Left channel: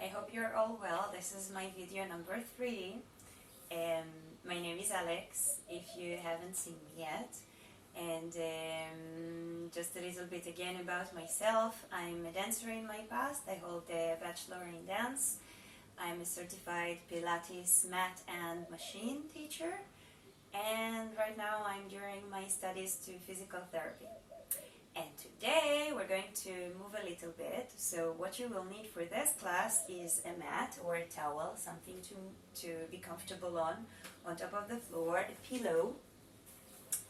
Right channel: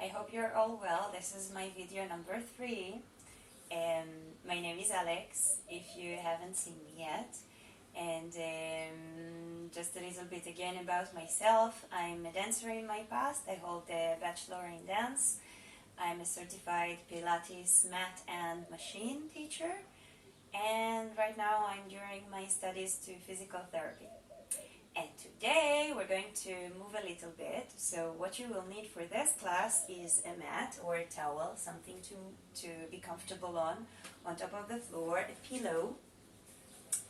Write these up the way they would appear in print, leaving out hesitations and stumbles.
I hope you're all well. This is my video number 3. My name is Alex, if you haven't seen me yet. And just a little bit again about myself. I'm a dancer in my past. I hold a bachelor in dance. I'm a certified pilates, mat and machine teacher. And right now I'm during my studies to physical therapy. And today we're going to move a little bit. So what you will need for this class is a mat or a towel, something to be comfortable on top of the floor, a pillow.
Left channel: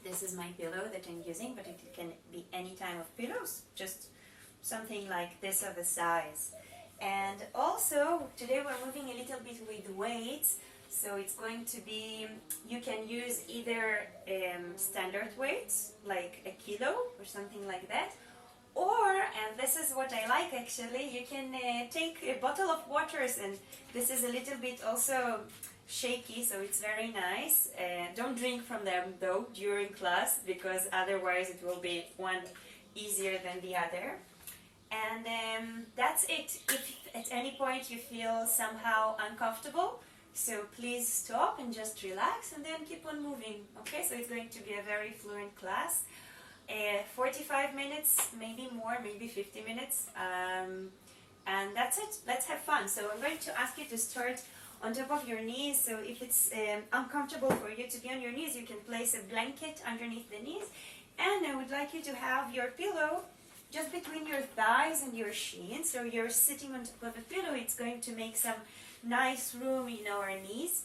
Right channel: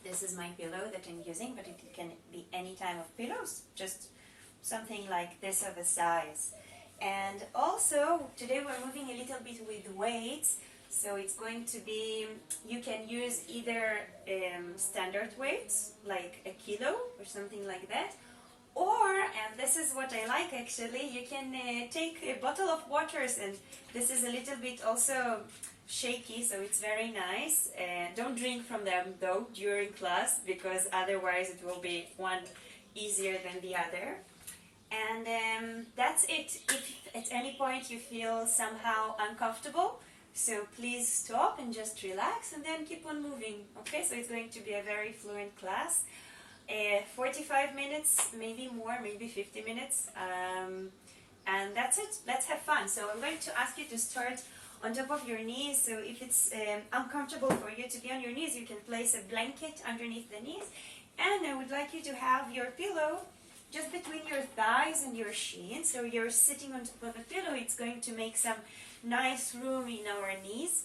This is my pillow that I'm using, but it can be any type of pillows, just something like this of a size. And also today we're moving a little bit with weights. So it's going to be, you can use either standard weights, like a kilo or something like that, or, and this is what I like actually, you can take a bottle of waters, and this is a little bit also shaky, so it's very nice. Don't drink from them though during class, because otherwise it will be one easier than the other. And that's it. If at any point you feel somehow uncomfortable, so please stop and just relax and then keep on moving. Okay, so it's going to be a very fluent class. 45 minutes, maybe more, maybe 50 minutes. And that's it. Let's have fun. So I'm going to ask you to start on top of your knees. So if it's uncomfortable for you to be on your knees, you can place a blanket underneath the knees. And I would like you to have your pillow just between your thighs and your shin. So you're sitting on top of a pillow. It's going to make some nice room in our knees.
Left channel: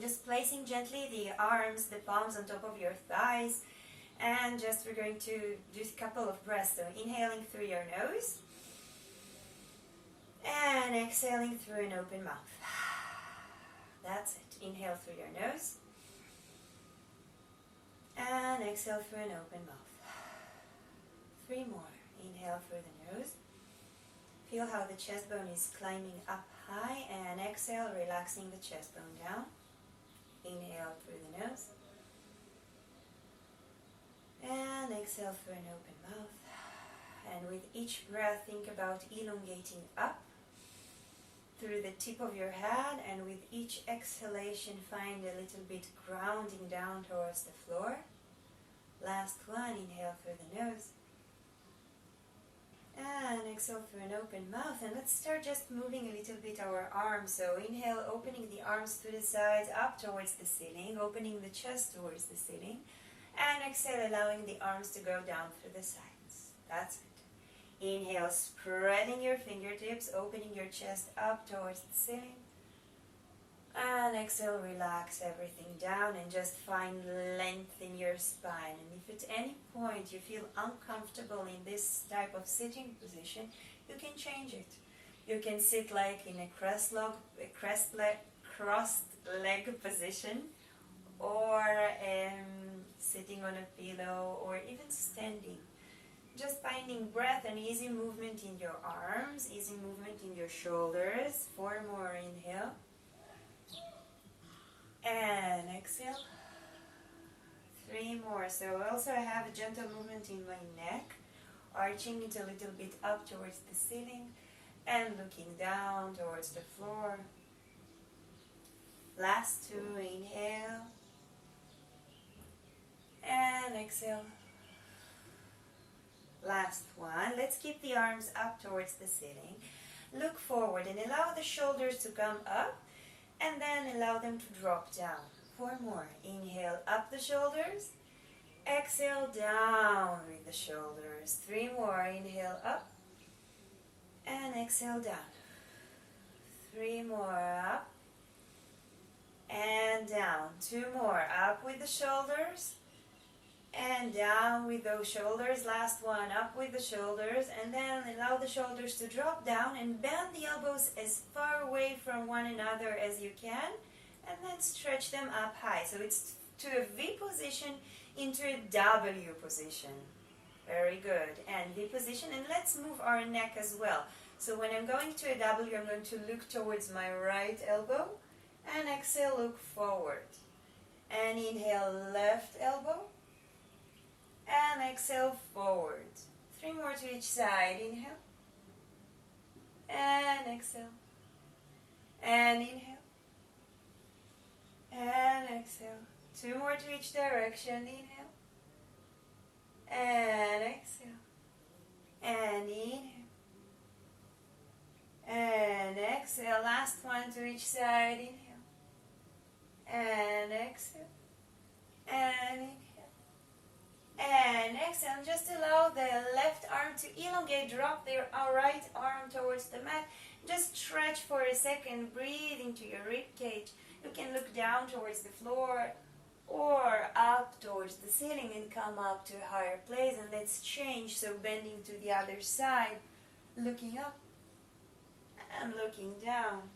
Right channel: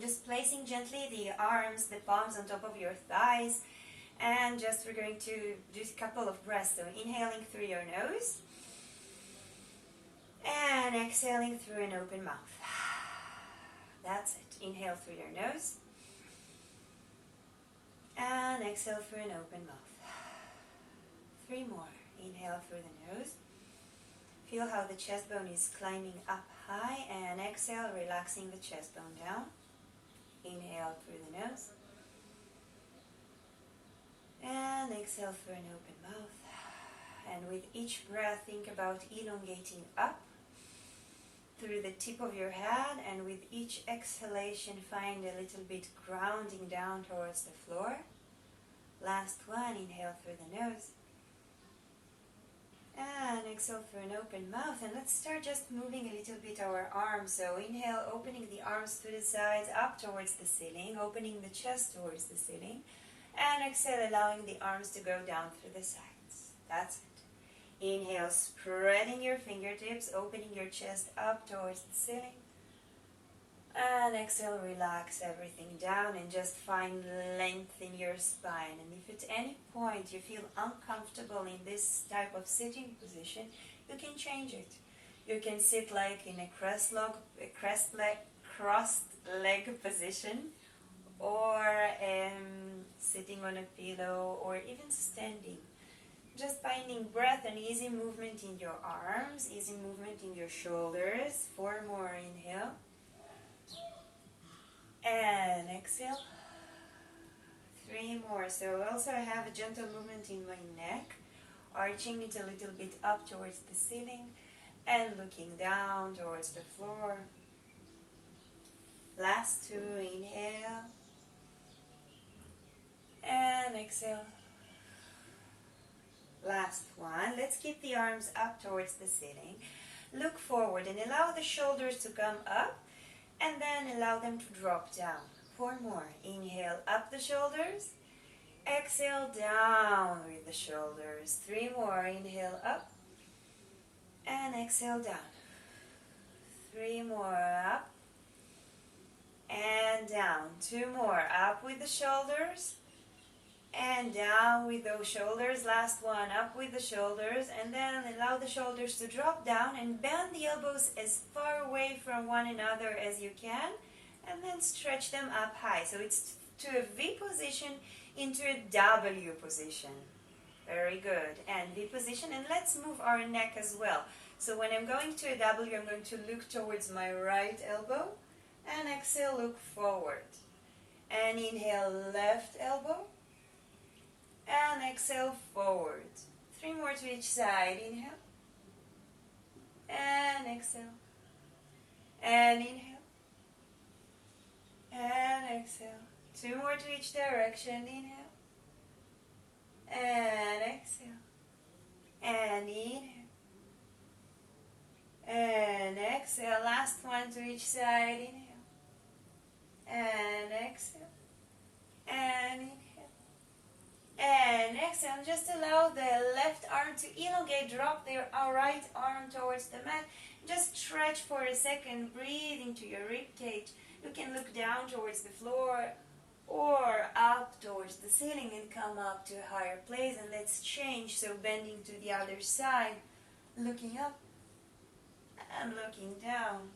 Just placing gently the arms, the palms on top of your thighs, and just we're going to do a couple of breaths. So inhaling through your nose and exhaling through an open mouth. That's it. Inhale through your nose and exhale through an open mouth. 3 more. Inhale through the nose. Feel how the chest bone is climbing up high, and exhale, relaxing the chest bone down. Inhale through the nose. And exhale through an open mouth. And with each breath, think about elongating up through the tip of your head, and with each exhalation, find a little bit grounding down towards the floor. Last one, inhale through the nose. And exhale through an open mouth. And let's start just moving a little bit our arms. So inhale, opening the arms to the sides, up towards the ceiling, opening the chest towards the ceiling. And exhale, allowing the arms to go down through the sides. That's it. Inhale, spreading your fingertips, opening your chest up towards the ceiling. And exhale, relax everything down and just find length in your spine. And if at any point you feel uncomfortable in this type of sitting position, you can change it. You can sit like in a crossed leg position, or sitting on a pillow, or even standing. Just finding breath and easy movement in your arms, easy movement in your shoulders. 4 more. Inhale. And exhale. 3 more. So also I have a gentle movement in my neck, arching it a little bit up towards the ceiling and looking down towards the floor. Last 2. Inhale and exhale. Last 1. Let's keep the arms up towards the ceiling. Look forward and allow the shoulders to come up, and then allow them to drop down. 4 more. Inhale, up the shoulders. Exhale, down with the shoulders. 3 more. Inhale, up. And exhale, down. 3 more. Up. And down. 2 more. Up with the shoulders. And down with those shoulders. Last 1. Up with the shoulders. And then allow the shoulders to drop down and bend the elbows as far away from one another as you can. And then stretch them up high. So it's to a V position into a W position. Very good. And V position. And let's move our neck as well. So when I'm going to a W, I'm going to look towards my right elbow. And exhale, look forward. And inhale, left elbow. And exhale, forward. 3 more to each side. Inhale. and exhale, and inhale, and exhale. 2 more to each direction. Inhale, and exhale, and inhale, and exhale. Last one to each side. Inhale, and exhale, and inhale, and exhale. Just allow the left arm to elongate. Drop the right arm towards the mat. Just stretch for a second. Breathe into your rib cage. You can look down towards the floor or up towards the ceiling and come up to a higher place. And let's change. So bending to the other side, looking up and looking down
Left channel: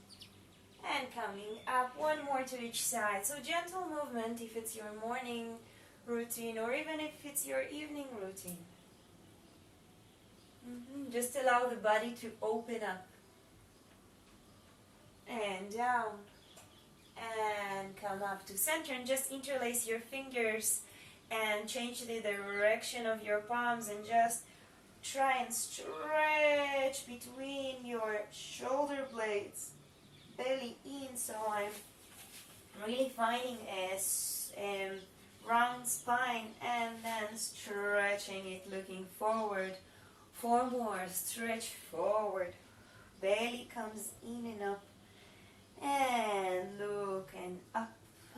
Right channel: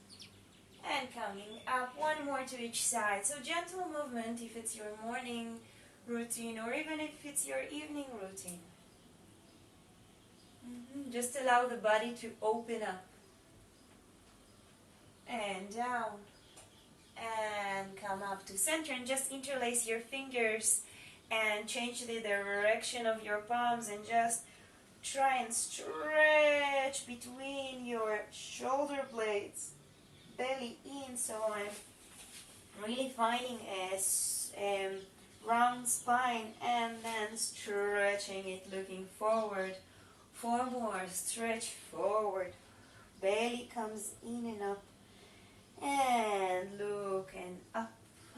and coming up. 1 more to each side. So gentle movement if it's your morning routine or even if it's your evening routine. Just allow the body to open up and down and come up to center, and just interlace your fingers and change the direction of your palms and just try and stretch between your shoulder blades, belly in. So I'm really finding a round spine and then stretching it, looking forward. 4 more, stretch forward, belly comes in and up, and look and up,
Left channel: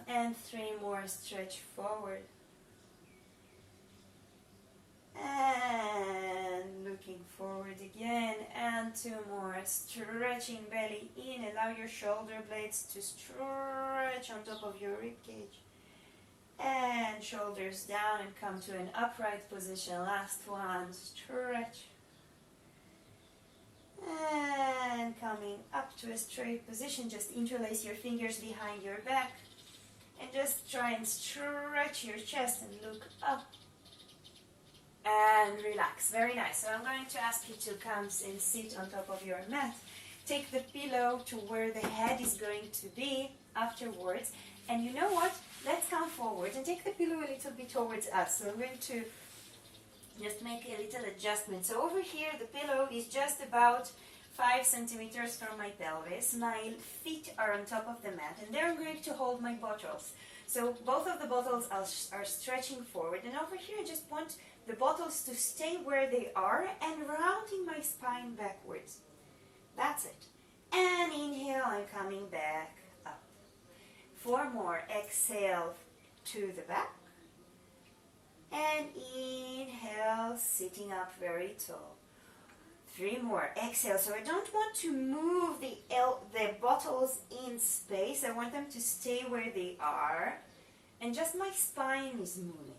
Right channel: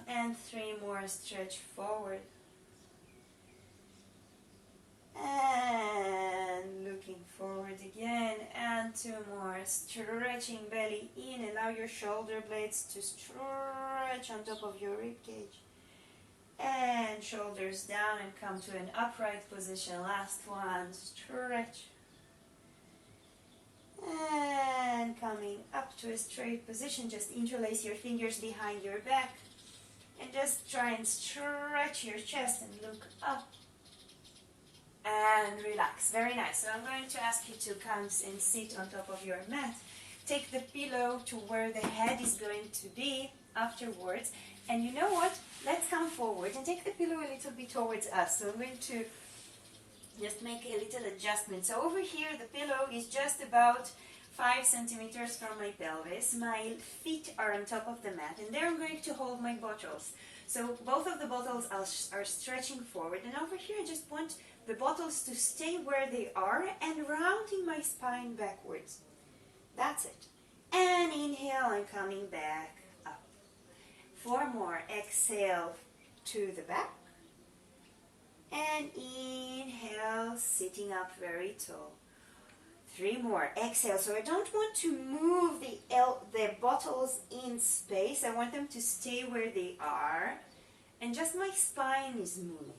and 3 more, stretch forward, and looking forward again, and 2 more, stretching belly in. Allow your shoulder blades to stretch on top of your rib cage, and shoulders down and come to an upright position. Last one, stretch, and coming up to a straight position. Just interlace your fingers behind your back and just try and stretch your chest and look up and relax. Very nice. So I'm going to ask you to come and sit on top of your mat. Take the pillow to where the head is going to be afterwards. And you know what? Let's come forward and take the pillow a little bit towards us. So I'm going to just make a little adjustment. So over here, the pillow is just about 5 centimeters from my pelvis. My feet are on top of the mat, and there I'm going to hold my bottles. So both of the bottles are stretching forward, and over here I just want the bottles to stay where they are and rounding my spine backwards. That's it. And inhale, I'm coming back up. 4 more. Exhale to the back. And inhale, sitting up very tall. 3 more. Exhale. So I don't want to move the bottles in space. I want them to stay where they are. And just my spine is moving.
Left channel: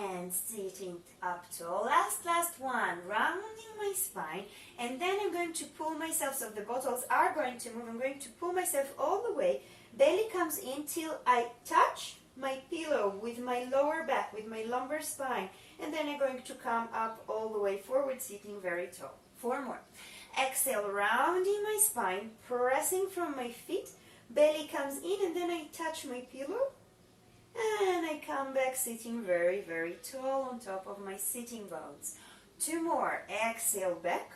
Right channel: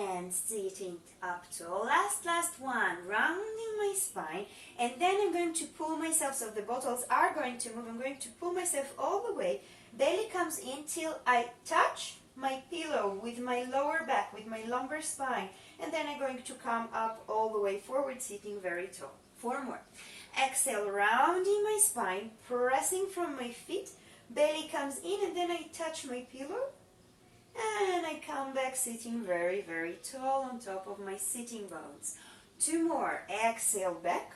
And sitting up tall. Last one. Rounding my spine. And then I'm going to pull myself. So the bottles are going to move. I'm going to pull myself all the way. Belly comes in till I touch my pillow with my lower back, with my lumbar spine, and then I'm going to come up all the way forward, sitting very tall. 4 more. Exhale, rounding my spine, pressing from my feet, belly comes in, and then I touch my pillow, and I come back sitting very, very tall on top of my sitting bones. 2 more. Exhale back,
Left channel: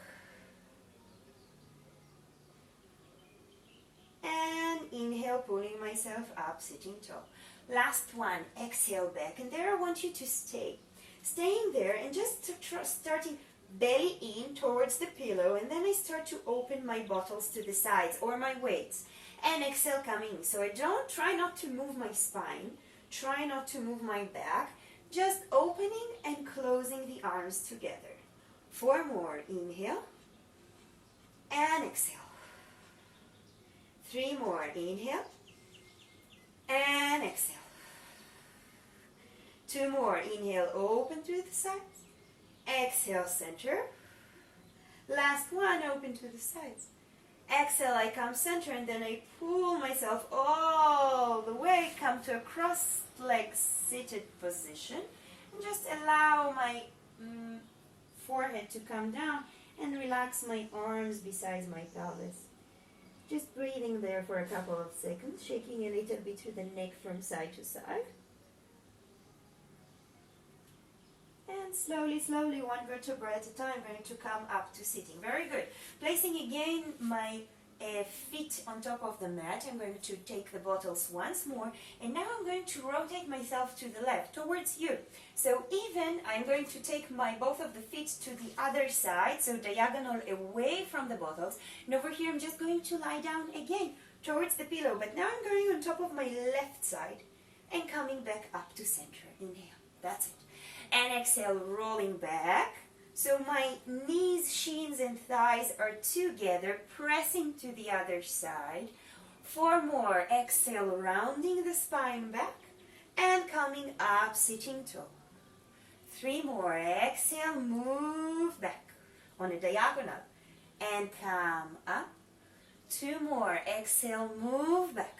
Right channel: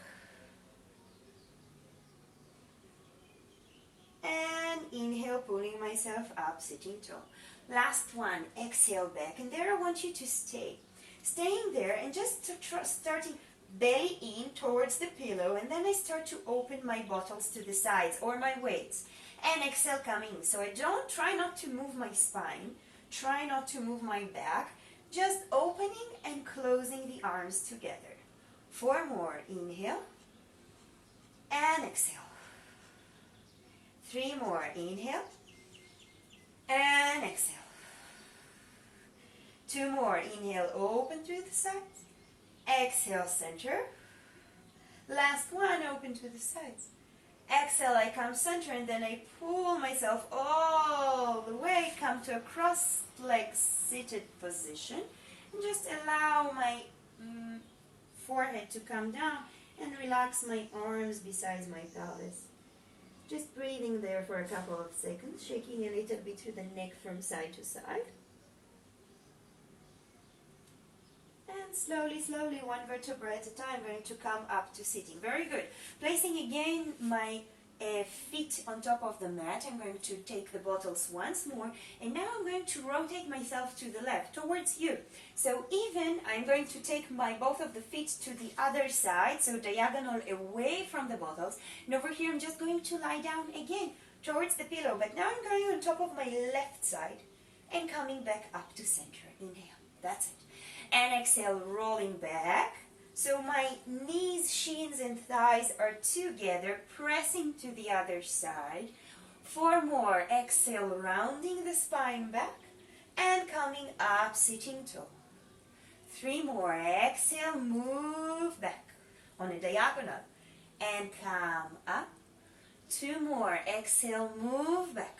and inhale, pulling myself up, sitting tall. Last one, exhale back, and there I want you to stay. Staying there and just starting belly in towards the pillow, and then I start to open my bottles to the sides or my weights. And exhale coming. So I don't try not to move my spine, try not to move my back, just opening and closing the arms together. 4 more. Inhale and exhale. 3 more. Inhale and exhale. 2 more. Inhale, open to the sides. Exhale, center. Last one, open to the sides. Exhale, I come center, and then I pull myself all the way, come to a cross-legged seated position, and just allow my forehead to come down and relax my arms beside my pelvis. Just breathing there for a couple of seconds, shaking a little bit through the neck from side to side. And and slowly, slowly, one vertebra at a time, I'm going to come up to sitting. Very good. Placing again my feet on top of the mat. I'm going to take the bottles once more, and now I'm going to rotate myself to the left, towards you. So even I'm going to take both of the feet to the other side, so diagonal away from the bottles. And over here I'm just going to lie down again towards the pillow, but now I'm going on top of my left side and coming back up to center. Inhale, that's it. And exhale, rolling back. So my knees, shins and thighs are together, pressing to the other side. 4 more. Exhale, rounding the spine back and coming up, sitting tall. 3 more. Exhale, move back on a diagonal and come up. 2 more. Exhale, move back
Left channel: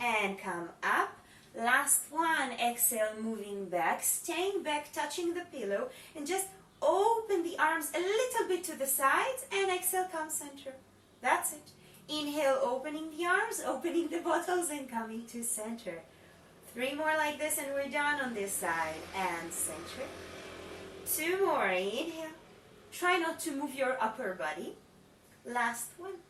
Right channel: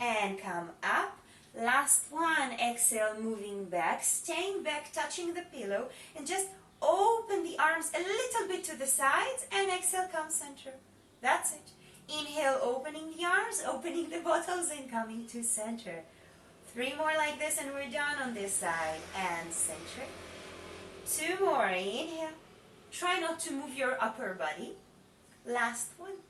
and come up. Last one. Exhale, moving back, staying back, touching the pillow, and just open the arms a little bit to the sides, and exhale, come center. That's it. Inhale, opening the arms, opening the bottles, and coming to center. 3 more like this, and we're done on this side. And center. 2 more. Inhale. Try not to move your upper body. Last one.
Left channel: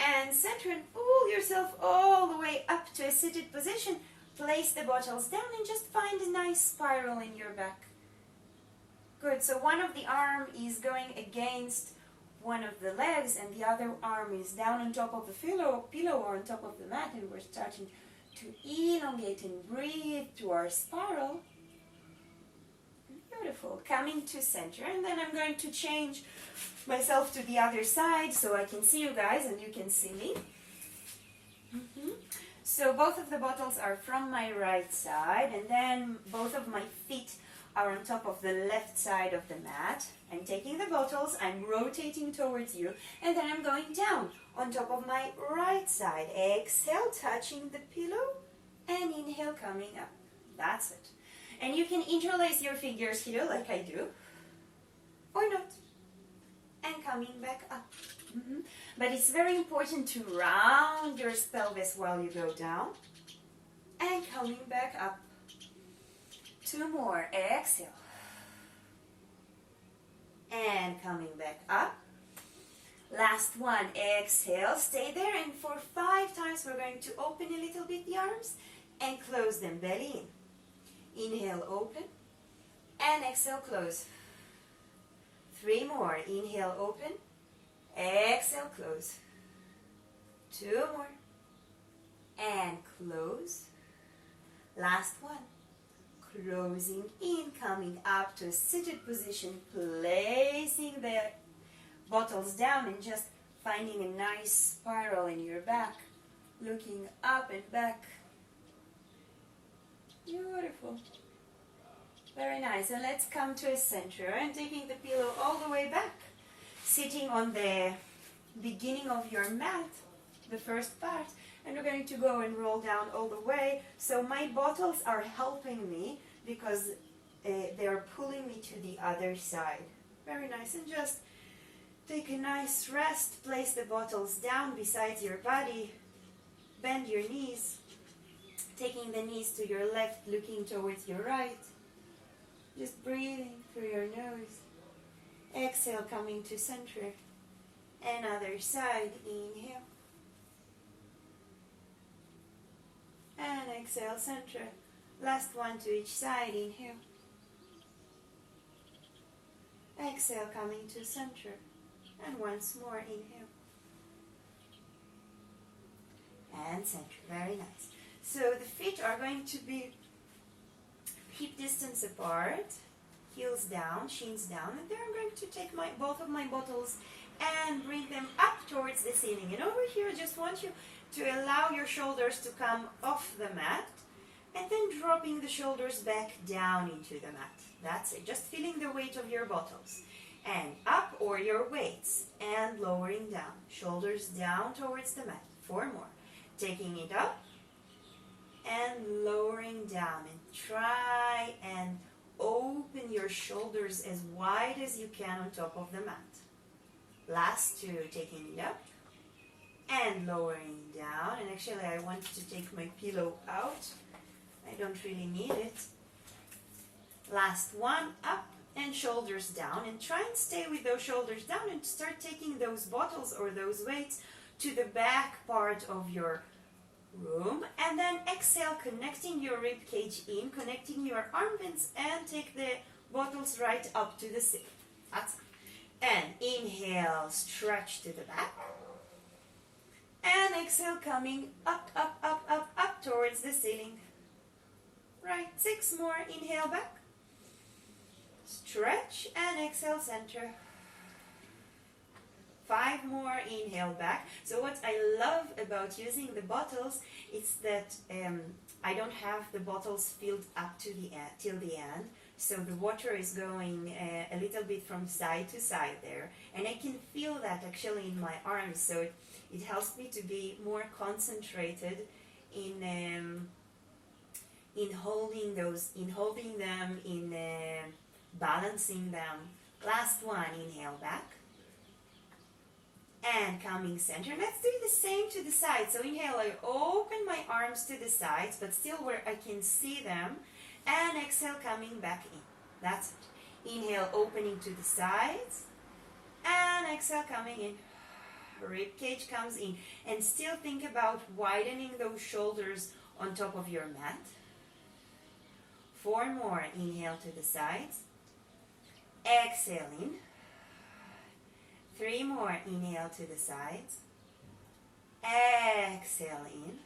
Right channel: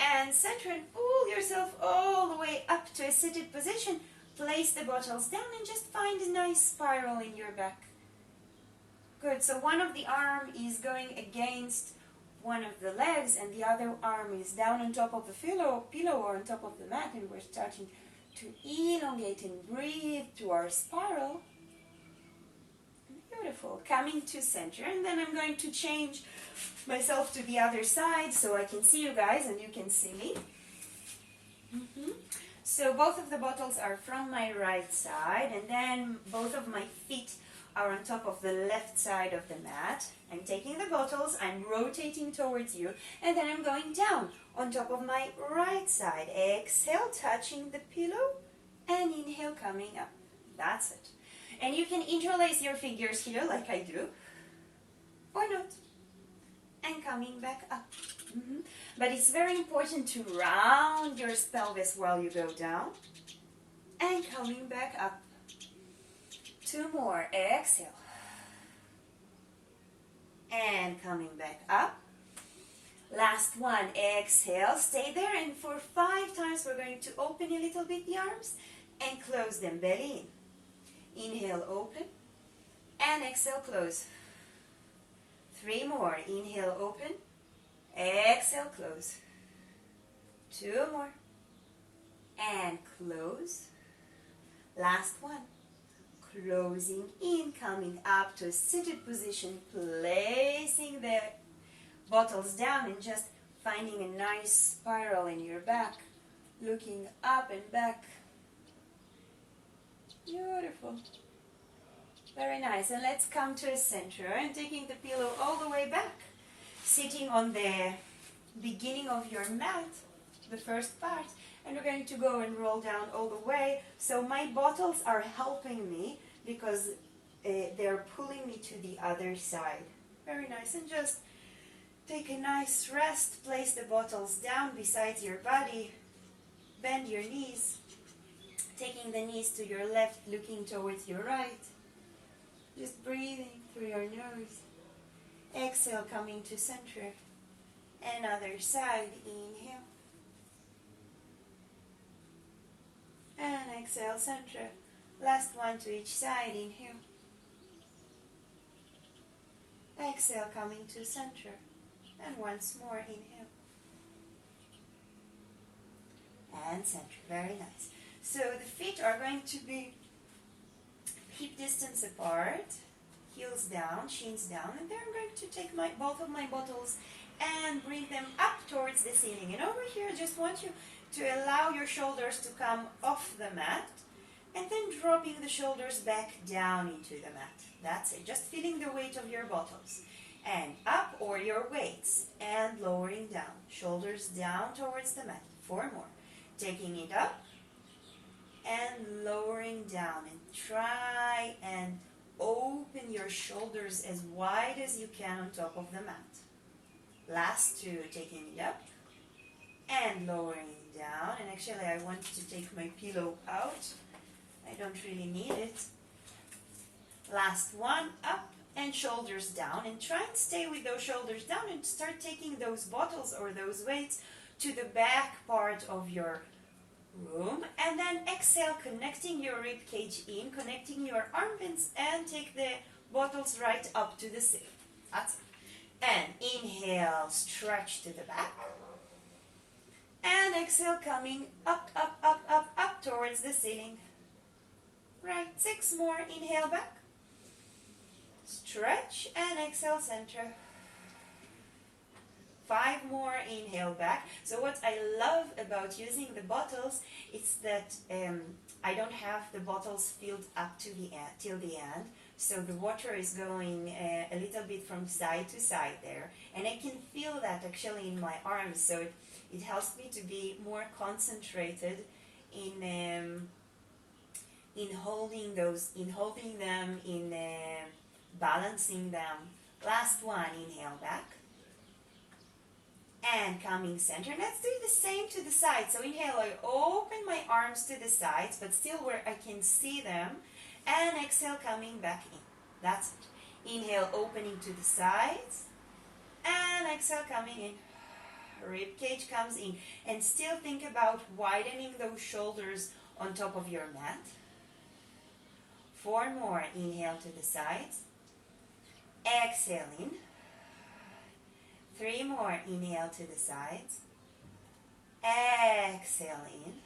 And center, and pull yourself all the way up to a seated position. Place the bottles down and just find a nice spiral in your back. Good. So one of the arm is going against one of the legs, and the other arm is down on top of the pillow or on top of the mat, and we're starting to elongate and breathe to our spiral. Beautiful. Coming to center, and then I'm going to change myself to the other side so I can see you guys and you can see me. So both of the bottles are from my right side, and then both of my feet are on top of the left side of the mat. I'm taking the bottles, I'm rotating towards you, and then I'm going down on top of my right side. Exhale, touching the pillow, and inhale, coming up. That's it. And you can interlace your fingers here like I do, or not, and coming back up. But it's very important to round your pelvis while you go down, and coming back up. 2 more. Exhale. And coming back up. Last one. Exhale. Stay there, and for 5 times we're going to open a little bit the arms and close them. Belly in. Inhale, open, and exhale, close. 3 more. Inhale, open, exhale, close. 2 more, and close. Last one. Closing in, coming up to a seated position, placing the bottles down and just finding a nice spiral in your back, looking up and back. Beautiful. Very nice. And let's come to a center and taking the pillow all the way back, sitting on the beginning of your mat, the first part, and we're going to go and roll down all the way. So my bottles are helping me because they're pulling me to the other side. Very nice. And just take a nice rest. Place the bottles down beside your body. Bend your knees. Taking the knees to your left, looking towards your right. Just breathing through your nose. Exhale, coming to center. And other side. Inhale. And exhale, center. Last one to each side. Inhale. Exhale, coming to center. And once more, inhale. And center. Very nice. So the feet are going to be hip distance apart, heels down, shins down, and then I'm going to take both of my bottles and bring them up towards the ceiling. And over here, I just want you to allow your shoulders to come off the mat, and then dropping the shoulders back down into the mat. That's it. Just feeling the weight of your bottles. And up, or your weights, and lowering down. Shoulders down towards the mat. 4 more. Taking it up and lowering down. And try and open your shoulders as wide as you can on top of the mat. Last 2, taking it up and lowering down. And actually I want to take my pillow out. I don't really need it. Last one, up and shoulders down, and try and stay with those shoulders down and start taking those bottles or those weights to the back part of your room, and then exhale, connecting your rib cage in, connecting your armpits, and take the bottles right up to the ceiling. That's it. And inhale, stretch to the back, and exhale, coming up, up, up, up, up towards the ceiling. Right, 6 more, inhale back, stretch, and exhale, center. 5 more, inhale back. So what I love about using the bottles is that I don't have the bottles filled up to the end, till the end. So the water is going a little bit from side to side there. And I can feel that actually in my arms. So it helps me to be more concentrated in holding them, in balancing them. Last one, inhale back. And coming center. Let's do the same to the side. So inhale, I open my arms to the sides, but still where I can see them. And exhale, coming back in. That's it. Inhale, opening to the sides. And exhale, coming in. Rib cage comes in. And still think about widening those shoulders on top of your mat. 4 more. Inhale to the sides. Exhale in. 3 more. Inhale to the sides. Exhale in.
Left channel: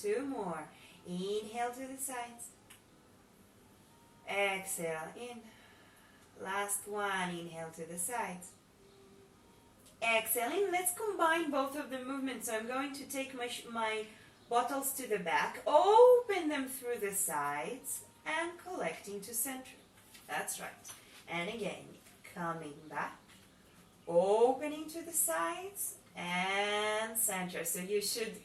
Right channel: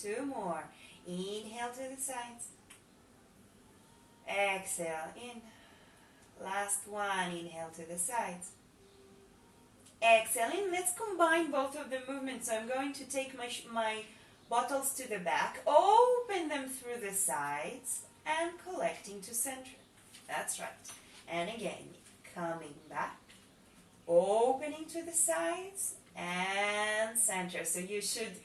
2 more. Inhale to the sides. Exhale in. Last one. Inhale to the sides. Exhale in. Let's combine both of the movements. So I'm going to take my bottles to the back, open them through the sides, and collecting to center. That's right. And again, coming back, opening to the sides, and center. So you should,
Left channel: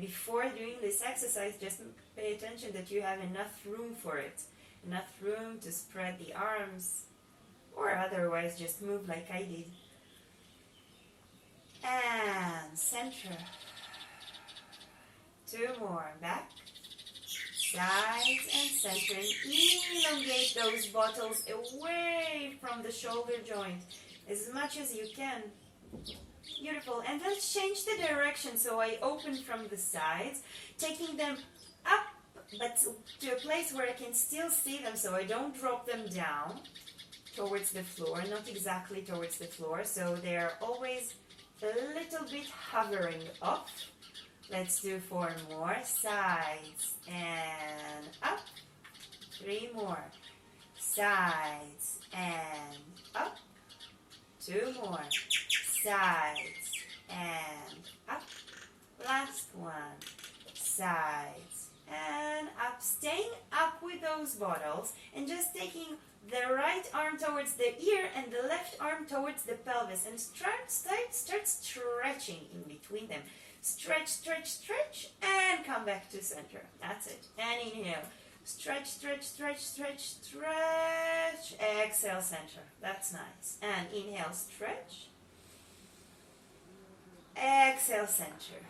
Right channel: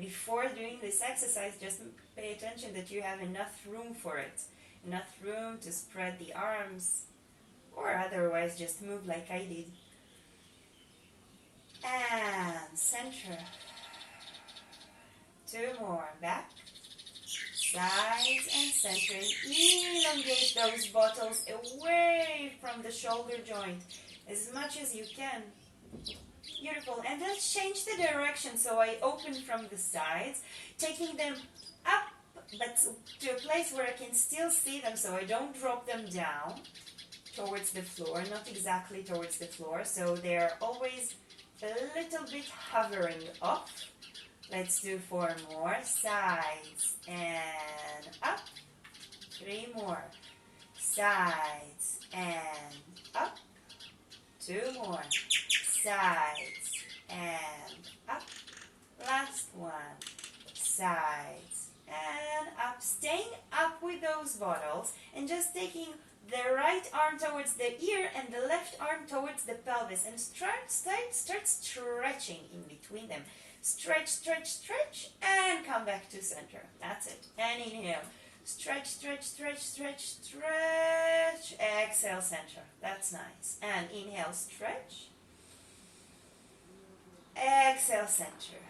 before doing this exercise, just pay attention that you have enough room for it. Enough room to spread the arms, or otherwise just move like I did. And center. 2 more. Back. Sides and center. And elongate those bottles away from the shoulder joint as much as you can. Beautiful. And let's change the direction. So I open from the sides, taking them up, but to a place where I can still see them, so I don't drop them down towards the floor, not exactly towards the floor. So they're always a little bit hovering off. Let's do 4 more. Sides and up. 3 more. Sides and up. 2 more. Sides and up. Last one. Sides and up. Staying up with those bottles and just taking the right arm towards the ear and the left arm towards the pelvis, and start stretching in between them. Stretch, stretch, stretch, and come back to center. That's it. And inhale. Stretch, stretch, stretch, stretch, stretch. Exhale, center. That's nice. And inhale, stretch. Exhale, center.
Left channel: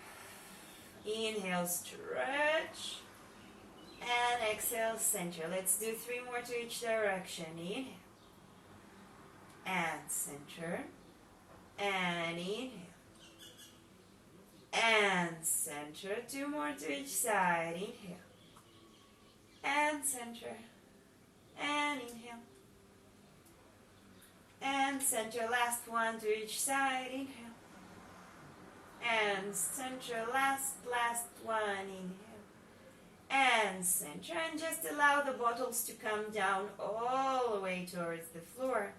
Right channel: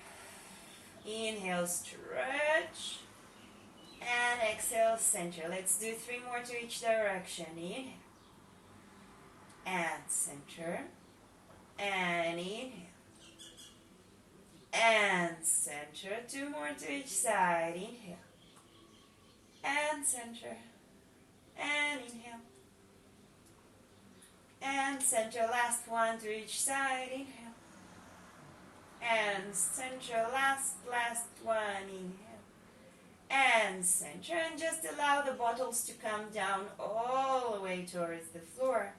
Inhale, stretch. And exhale, center. Let's do 3 more to each direction. Inhale. And center. And inhale. And center. 2 more to each side. Inhale. And center. And inhale. And center. Last one to each side. Inhale. And center. Last one. Inhale. And center. And just allow the bottles to come down all the way towards the floor.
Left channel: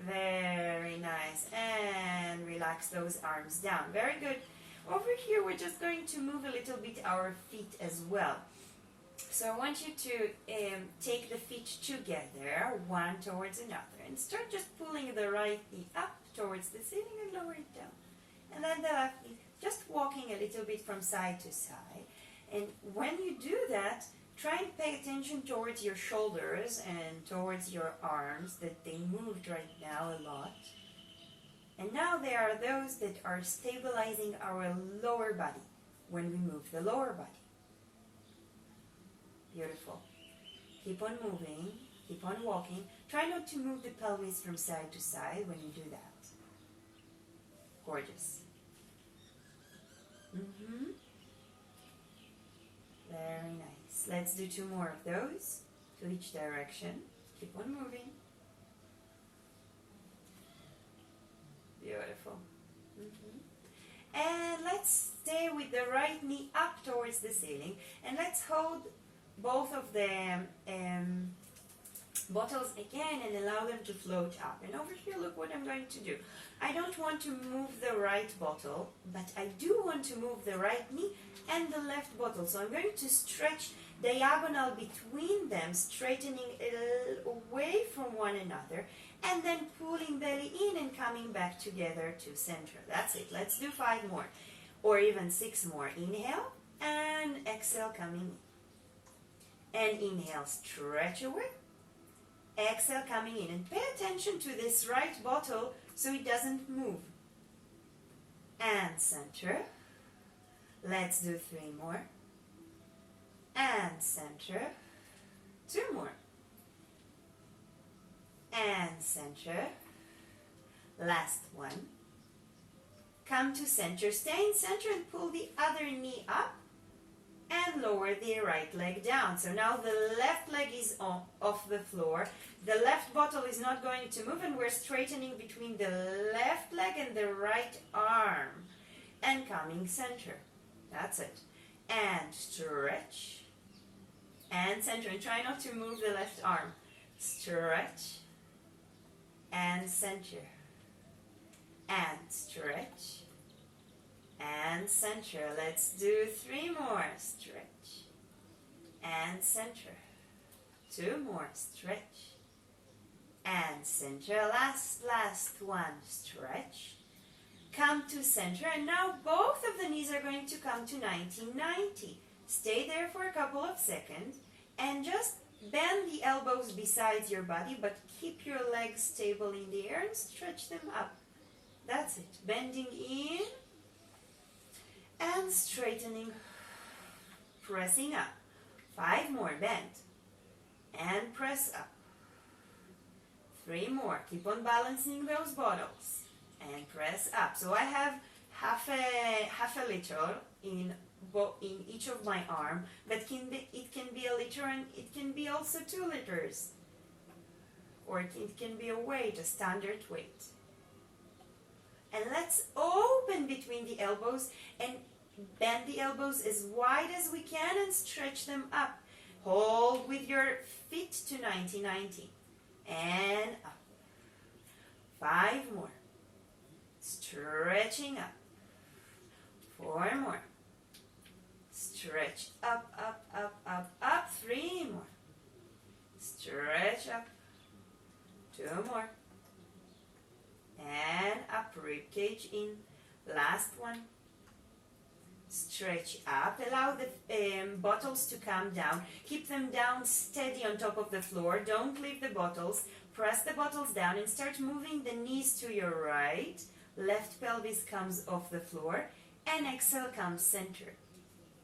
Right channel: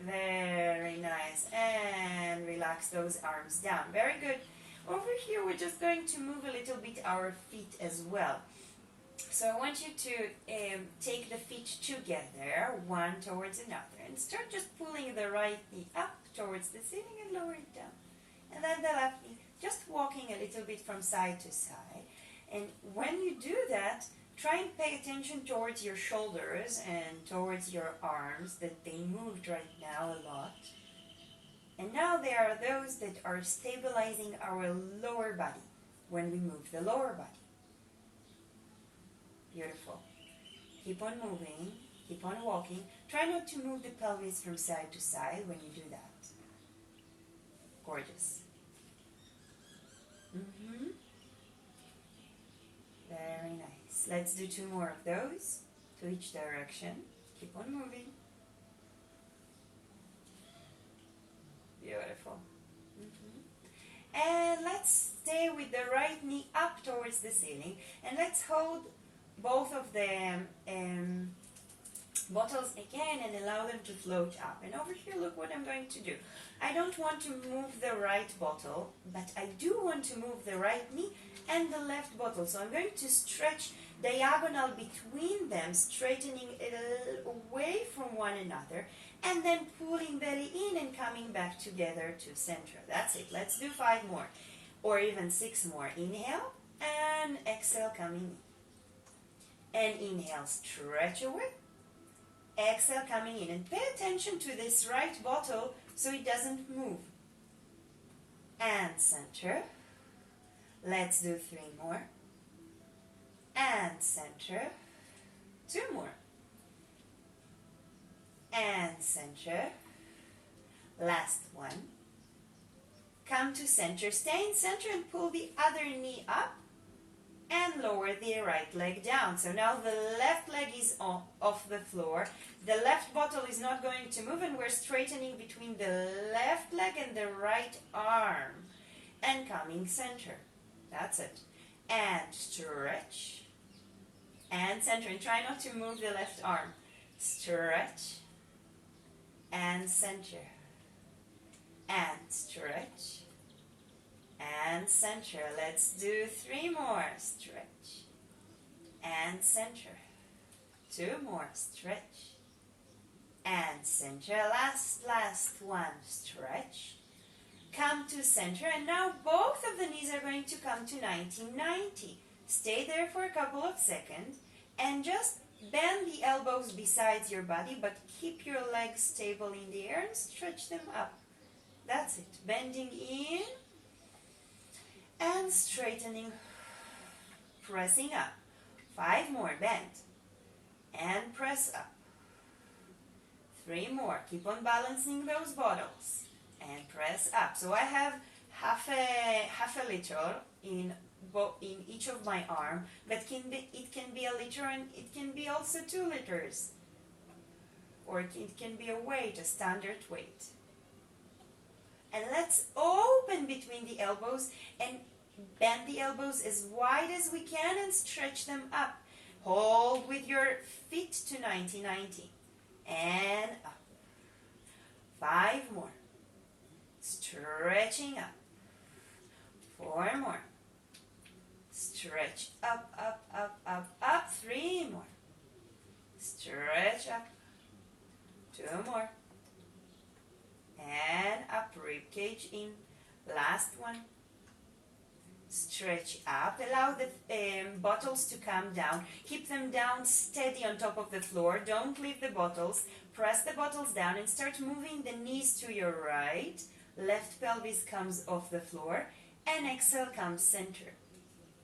Very nice. And relax those arms down. Very good. Over here, we're just going to move a little bit our feet as well. So I want you to take the feet together, one towards another, and start just pulling the right knee up towards the ceiling and lower it down. And then the left knee, just walking a little bit from side to side. And when you do that, try and pay attention towards your shoulders and towards your arms, that they moved right now a lot. And now there are those that are stabilizing our lower body when we move the lower body. Beautiful. Keep on moving. Keep on walking. Try not to move the pelvis from side to side when you do that. Gorgeous. Very nice. Let's do 2 more of those to each direction. Keep on moving. Beautiful. And let's stay with the right knee up towards the ceiling, and let's hold both of the bottles again and allow them to float up. And over here, look what I'm going to do. I don't want to move the right bottle, but I do want to move the right knee and the left bottle. So I'm going to stretch diagonal between them, straightening away from one another, and then pulling belly in and coming back together to center. That's it. Let's do 5 more, or even 6 more. Inhale and exhale, coming in. And inhale, stretch away. Exhale, coming in. And pay attention to this right bottle so it doesn't move. And center. Let's do 3 more. And center. 2 more. And center. Last one. Come to center. Stay in center and pull the other knee up and lower the right leg down. So now the left leg is off the floor. The left bottle is not going to move, and we're straightening between the left leg and the right arm. And coming center. That's it. And stretch. And center. And try not to move the left arm. Stretch. And center. And stretch. And center. Let's do 3 more. Stretch. And center. 2 more. Stretch. And center. Last one. Stretch. Come to center. And now both of the knees are going to come to 90-90. Stay there for a couple of seconds. And just bend the elbows beside your body, but keep your legs stable in the air and stretch them up. That's it. Bending in and straightening, pressing up. 5 more, bend and press up. 3 more, keep on balancing those bottles and press up. So I have half a liter in each of my arm, but it can be a liter, and it can be also 2 liters, or it can be a weight, a standard weight. And let's open between the elbows and bend the elbows as wide as we can and stretch them up. Hold with your feet to 90-90. And up. 5 more. Stretching up. 4 more. Stretch up, up, up, up, up. 3 more. Stretch up. 2 more. And up, rib cage in. Last one. Stretch up. Allow the bottles to come down. Keep them down steady on top of the floor. Don't leave the bottles. Press the bottles down and start moving the knees to your right. Left pelvis comes off the floor. And exhale, comes center.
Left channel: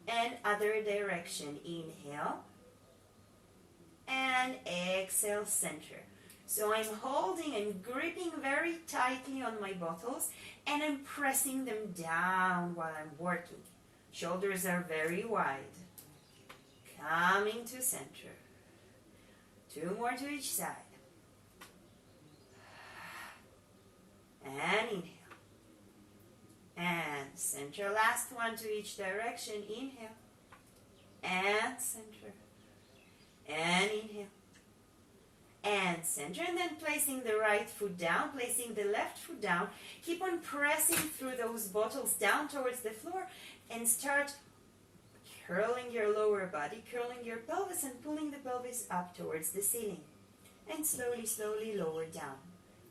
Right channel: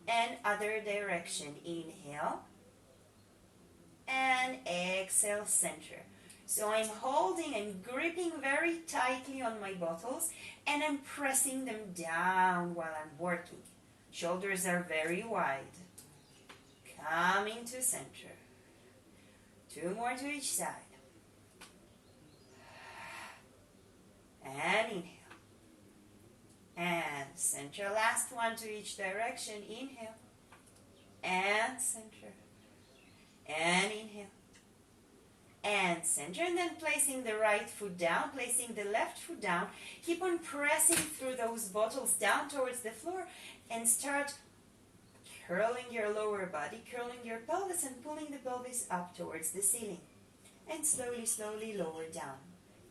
And other direction. Inhale. And exhale, center. So I'm holding and gripping very tightly on my bottles, and I'm pressing them down while I'm working. Shoulders are very wide. Coming to center. 2 more to each side. And inhale. And center. Last one to each direction. Inhale. And center. And inhale. And center, and then placing the right foot down, placing the left foot down. Keep on pressing through those bottles down towards the floor, and start curling your lower body, curling your pelvis, and pulling the pelvis up towards the ceiling. And slowly, slowly lower down.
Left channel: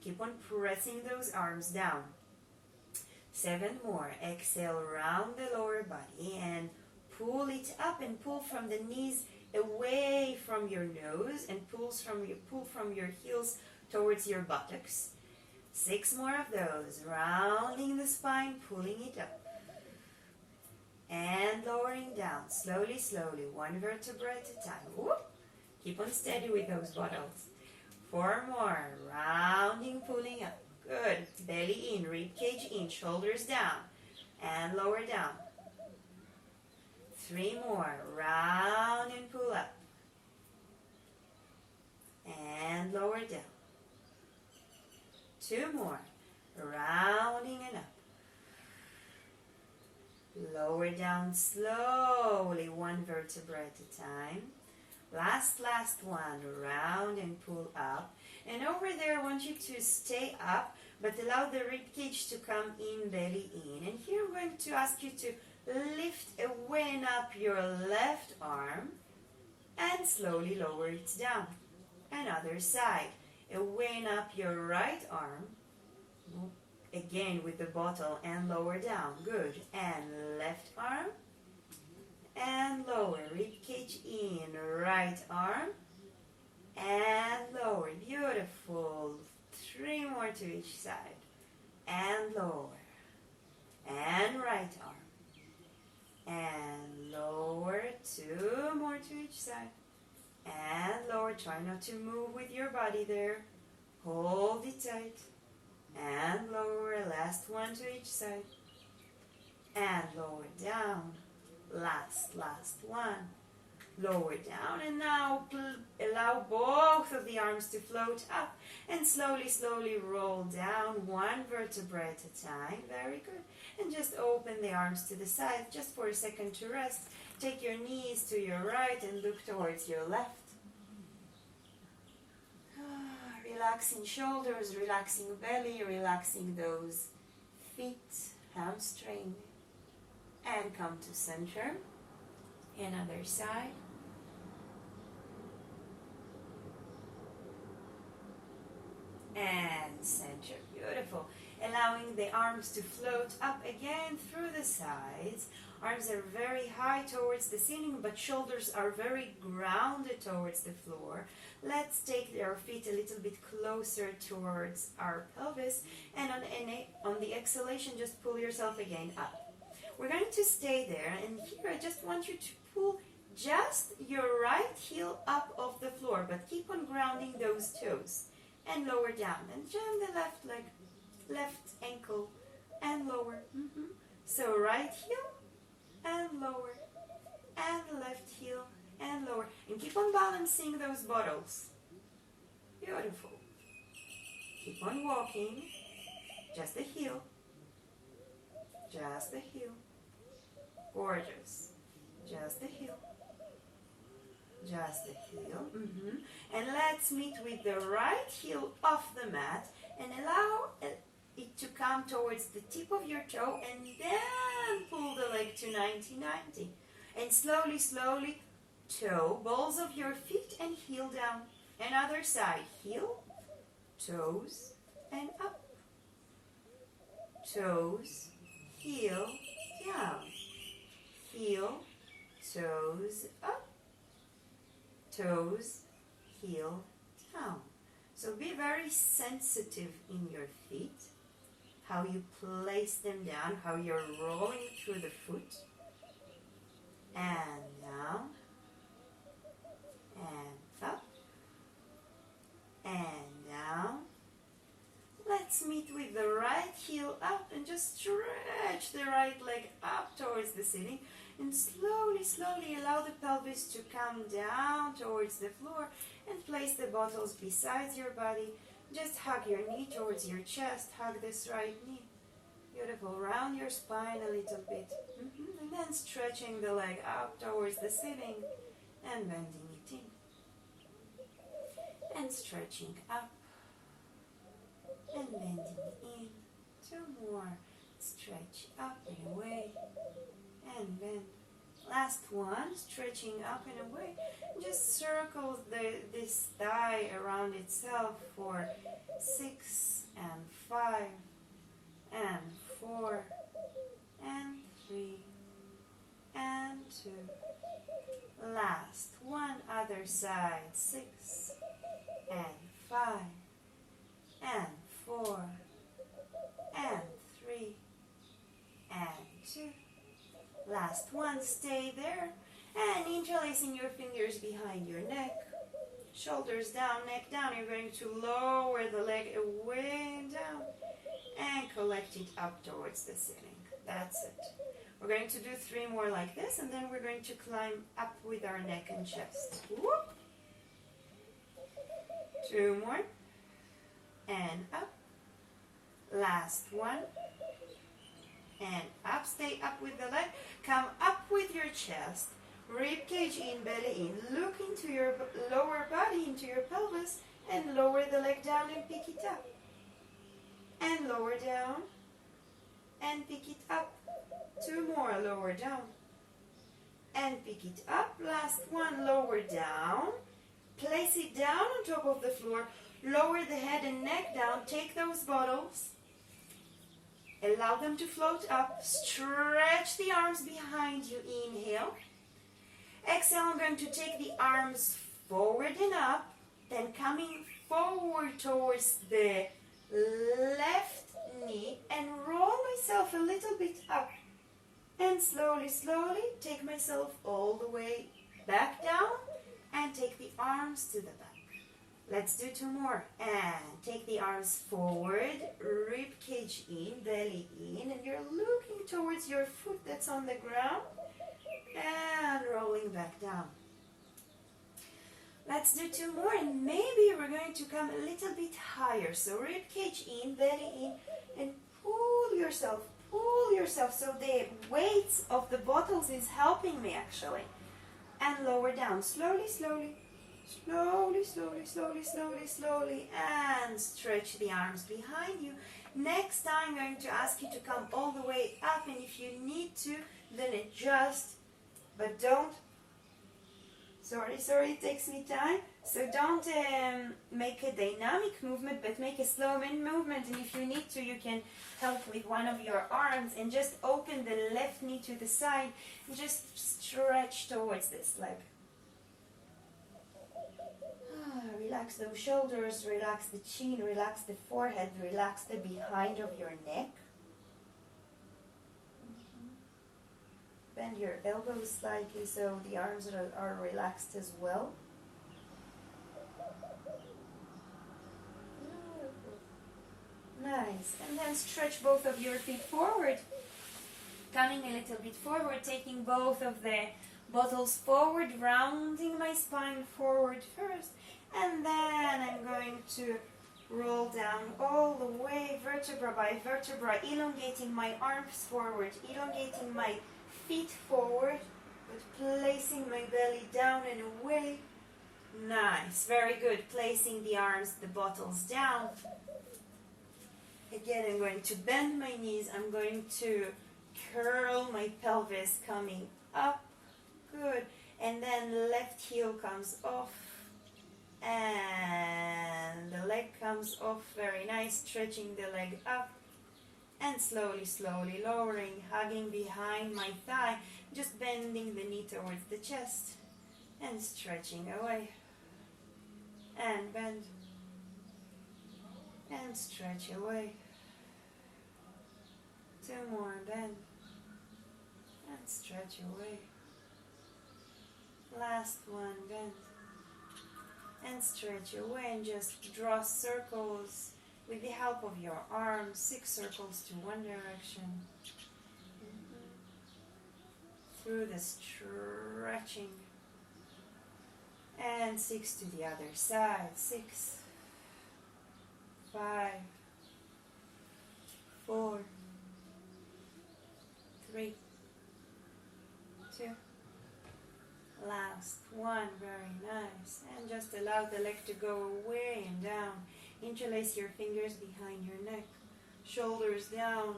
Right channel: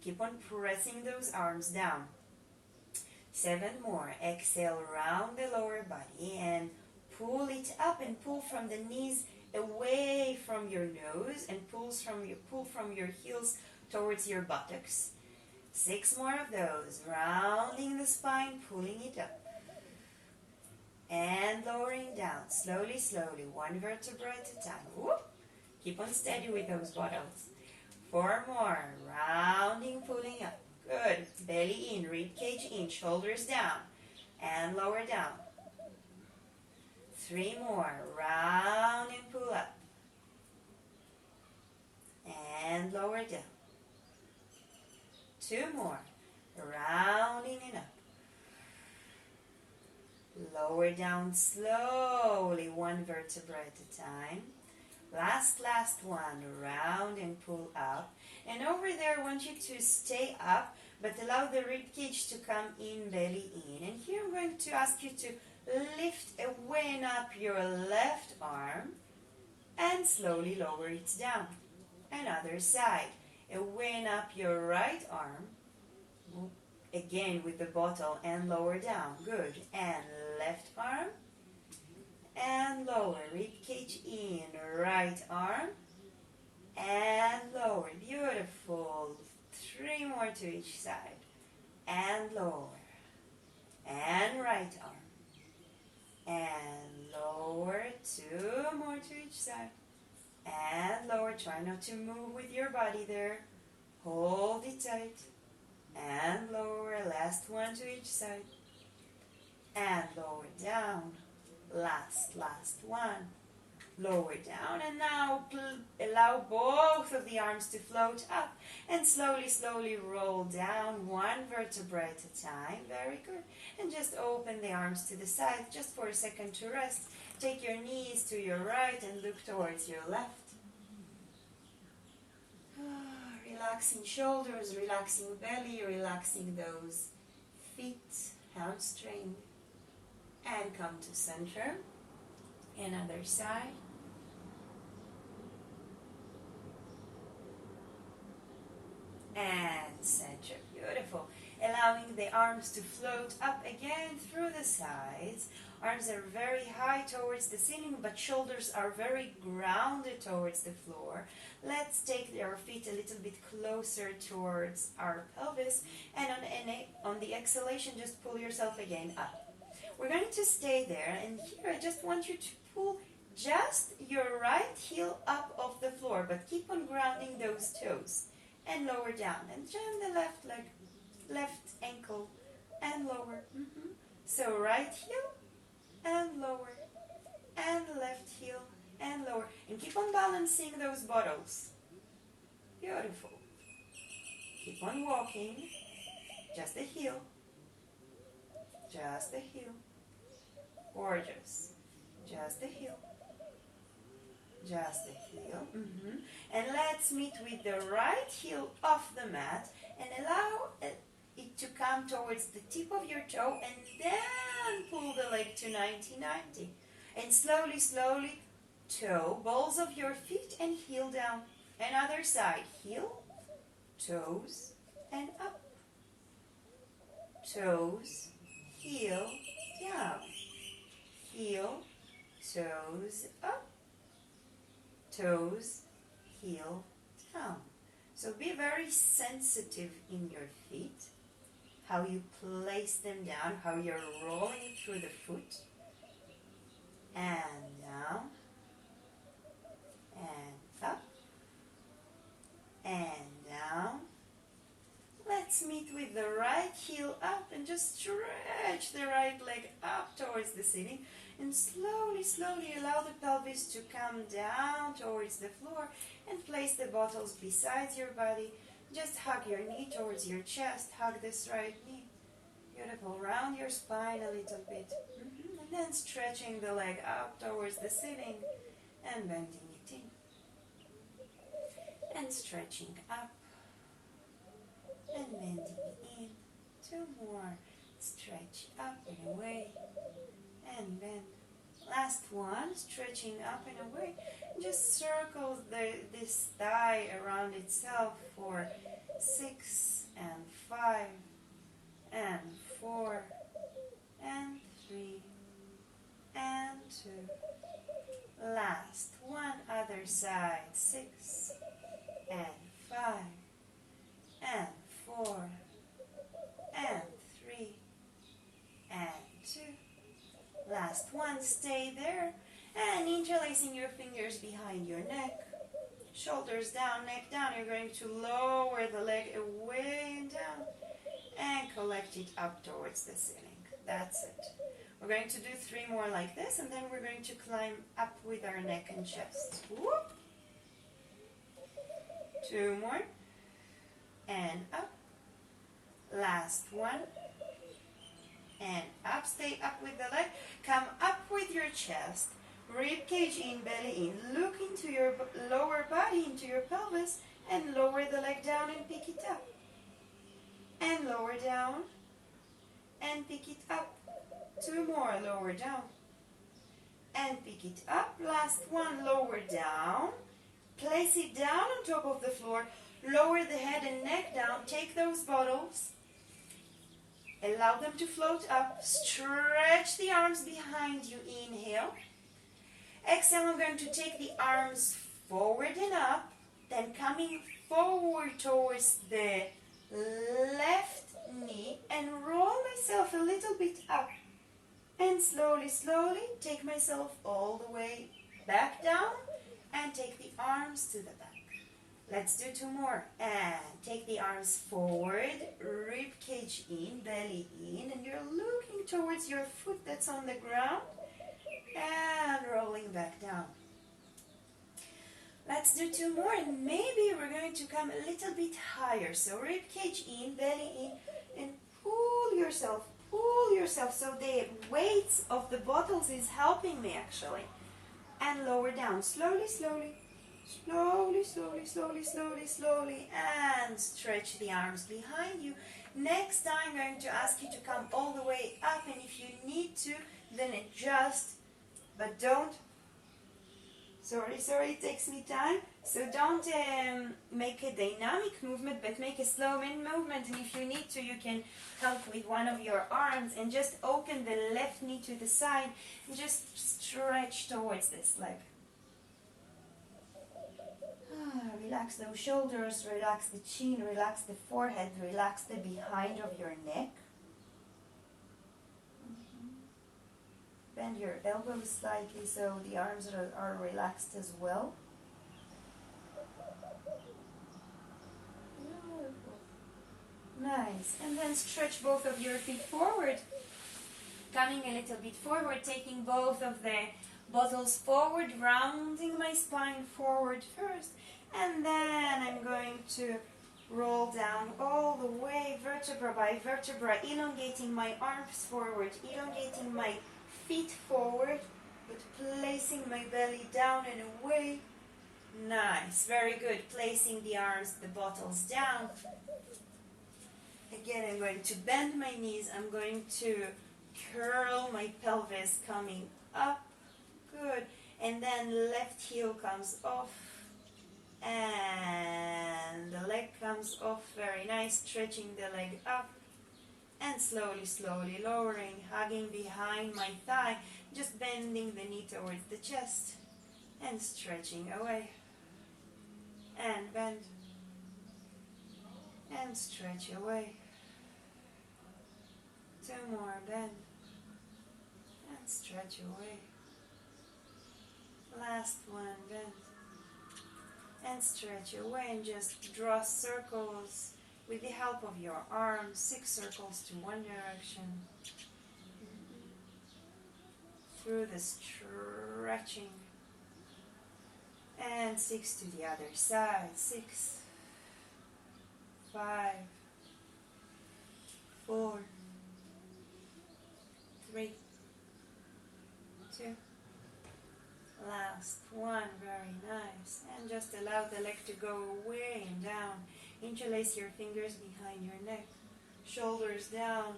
Keep on pressing those arms down. 7 more. Exhale, round the lower body and pull it up, and pull from the knees away from your nose, and pull from your heels towards your buttocks. 6 more of those. Rounding the spine, pulling it up. And lowering down. Slowly, slowly. 1 vertebra at a time. Whoop. Keep on steady with those bottles. 4 more. Rounding, pulling up. Good. Belly in, rib cage in, shoulders down, and lower down. 3 more. Round and pull up. And lower down. 2 more. Rounding and up. Lower down slowly, 1 vertebra at a time. Last one. Round and pull up. And over there, I want you to stay up, but allow the rib cage to come in, belly in. And here I'm going to ask you to lift away and up your left arm and slowly lower it down. Another side. Away and up your right arm. Again with the bottle and lower down. Good. And left arm. And lower. Rib cage in. Right arm. And lower. Beautiful. 3 more to each side. And lower. And right arm. And lower. 2 more to each side. And lower. Try not to move with your body there. Hold it tight. And lower. Last one to each side. And lower down. Last one. Lower down, and now allow both of the arms to float up and slowly roll down 1 vertebra at a time. Very good. And just open the arms to the side just for a second to rest. Take your knees to your right and look towards your left. Relaxing shoulders, relaxing belly, relaxing those feet, hamstring. And come to center. Another side. And center. Beautiful. Allowing the arms to float up again through the sides. Arms are very high towards the ceiling, but shoulders are very grounded towards the floor. Let's take our feet a little bit closer towards our pelvis. And on the exhalation, just pull yourself again up. We're going to stay there. And here, I just want you to pull just your right heel up off the floor, but keep on grounding those toes. And lower down. And join the left leg, left ankle, and lower. So right heel, and lower. And left heel, and lower. And keep on balancing those bottles. Beautiful. Keep on walking. Just the heel. Just the heel. Gorgeous. Just the heel. Just the heel. And let's meet with the right heel off the mat and allow it to come towards the tip of your toe, and then pull the leg to 90-90. And slowly toe, balls of your feet and heel down. Another side. Heel, toes, and up. Toes, heel, down. Heel, toes, up. Toes, heel, down. So be very sensitive in your feet, how you place them down, how you're rolling through the foot. And down, and up, and down. Let's meet with the right heel up and just stretch the right leg up towards the ceiling. And slowly allow the pelvis to come down towards the floor and place the bottles beside your body. Just hug your knee towards your chest. Hug this right knee. Beautiful. Round your spine a little bit. And then stretching the leg up towards the ceiling and bending it in. And stretching up and bending in. 2 more. Stretch up and away. And bend. Last one, stretching up and away. Just circle this thigh around itself for 6 and 5 and 4 and 3 and 2. Last one, other side. 6 and 5 and 4 and 3 and 2. Last one, stay there and interlacing your fingers behind your neck. Shoulders down, neck down. You're going to lower the leg away and down and collect it up towards the ceiling. That's it. We're going to do 3 more like this, and then we're going to climb up with our neck and chest. Whoop. 2 more. And up. Last one. And up. Stay up with the leg. Come up with your chest. Rib cage in, belly in. Look into your lower body, into your pelvis, and lower the leg down and pick it up. And lower down and pick it up. 2 more, lower down and pick it up. Last one, lower down. Place it down on top of the floor. Lower the head and neck down. Take those bottles. Allow them to float up. Stretch the arms behind you. Inhale. Exhale, I'm going to take the arms forward and up. Then coming forward towards the left knee and roll myself a little bit up. And slowly, slowly take myself all the way back down and take the arms to the back. Let's do 2 more. And take the arms forward, rib cage in, belly in, and you're looking towards your foot that's on the ground and rolling back down. Let's do 2 more, and maybe we're going to come a little bit higher. So rib cage in, belly in, and pull yourself so the weights of the bottles is helping me actually. And lower down, slowly, slowly, slowly, slowly, slowly, slowly, slowly, and stretch the arms behind you. Next time I'm going to ask you to come all the way up, and if you need to, then adjust, but don't, sorry, it takes me time, so don't make a dynamic movement, but make a slow movement, and if you need to, you can help with one of your arms, and just open the left knee to the side, and just stretch towards this leg. Relax those shoulders, relax the chin, relax the forehead, relax the behind of your neck. Bend your elbows slightly so the arms are relaxed as well. Nice. And then stretch both of your feet forward. Coming a little bit forward, taking both of the bottles forward, rounding my spine forward first. And then I'm going to roll down all the way, vertebra by vertebra, elongating my arms forward, elongating my feet forward, but placing my belly down and away. Nice, very good. Placing the arms, the bottles down. Again, I'm going to bend my knees. I'm going to curl my pelvis coming up. Good. And then left heel comes off. And the leg comes off. Very nice. Stretching the leg up. And slowly, slowly lowering, hugging behind my thigh. Just bending the knee towards the chest. And stretching away. And bend. And stretch away. 2 more, bend. And stretch away. Last one, bend. And stretch away, and just draw circles with the help of your arms. 6 circles to one direction. Through the stretching. And 6 to the other side. 6, 5, 4, 3, 2. Last one, very nice. And just allow the leg to go away and down. Interlace your fingers behind your neck. Shoulders down.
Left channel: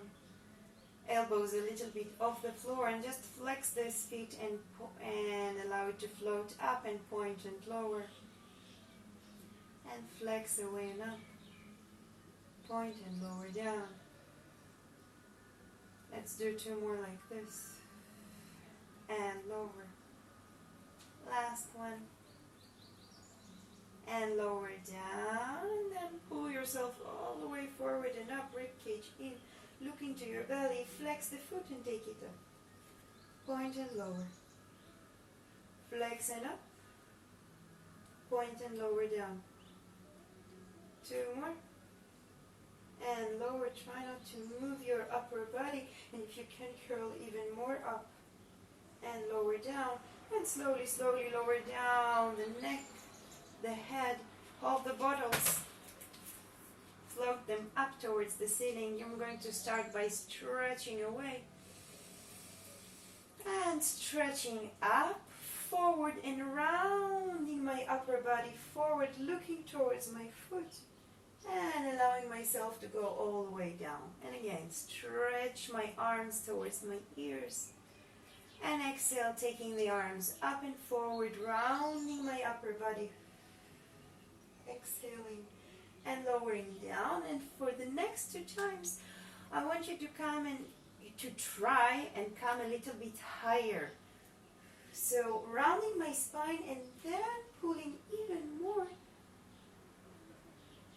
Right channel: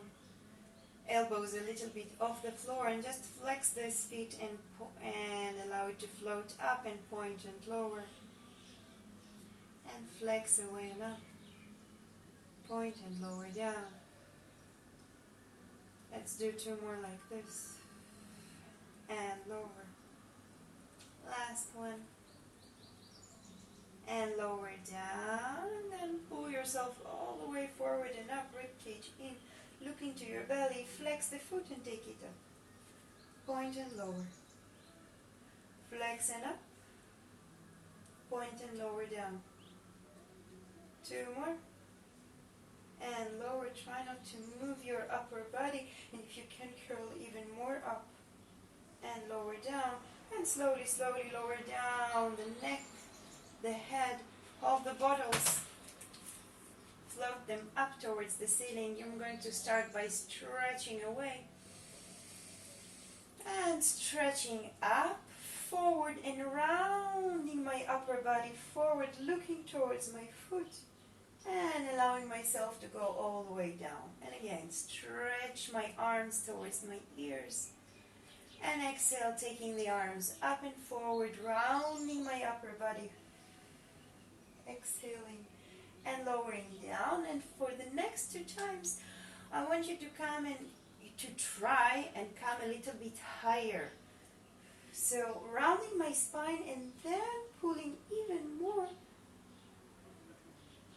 Elbows a little bit off the floor, and just flex those feet and allow it to float up and point and lower. And flex away and up. Point and lower down. Let's do 2 more like this. And lower. Last one. And lower down, and then pull yourself all the way forward and up, ribcage in. Look into your belly, flex the foot and take it up. Point and lower. Flex and up. point and lower down. 2 more. And lower, try not to move your upper body, and if you can curl even more up and lower down, and slowly, slowly lower down the neck, the head, hold the bottles, float them up towards the ceiling. You're going to start by stretching away and stretching up, forward and rounding my upper body forward, looking towards my foot and allowing myself to go all the way down. And again, stretch my arms towards my ears. And exhale, taking the arms up and forward, rounding my upper body. Exhaling and lowering down. And for the next 2 times, I want you to try and come a little bit higher. So rounding my spine and then pulling even more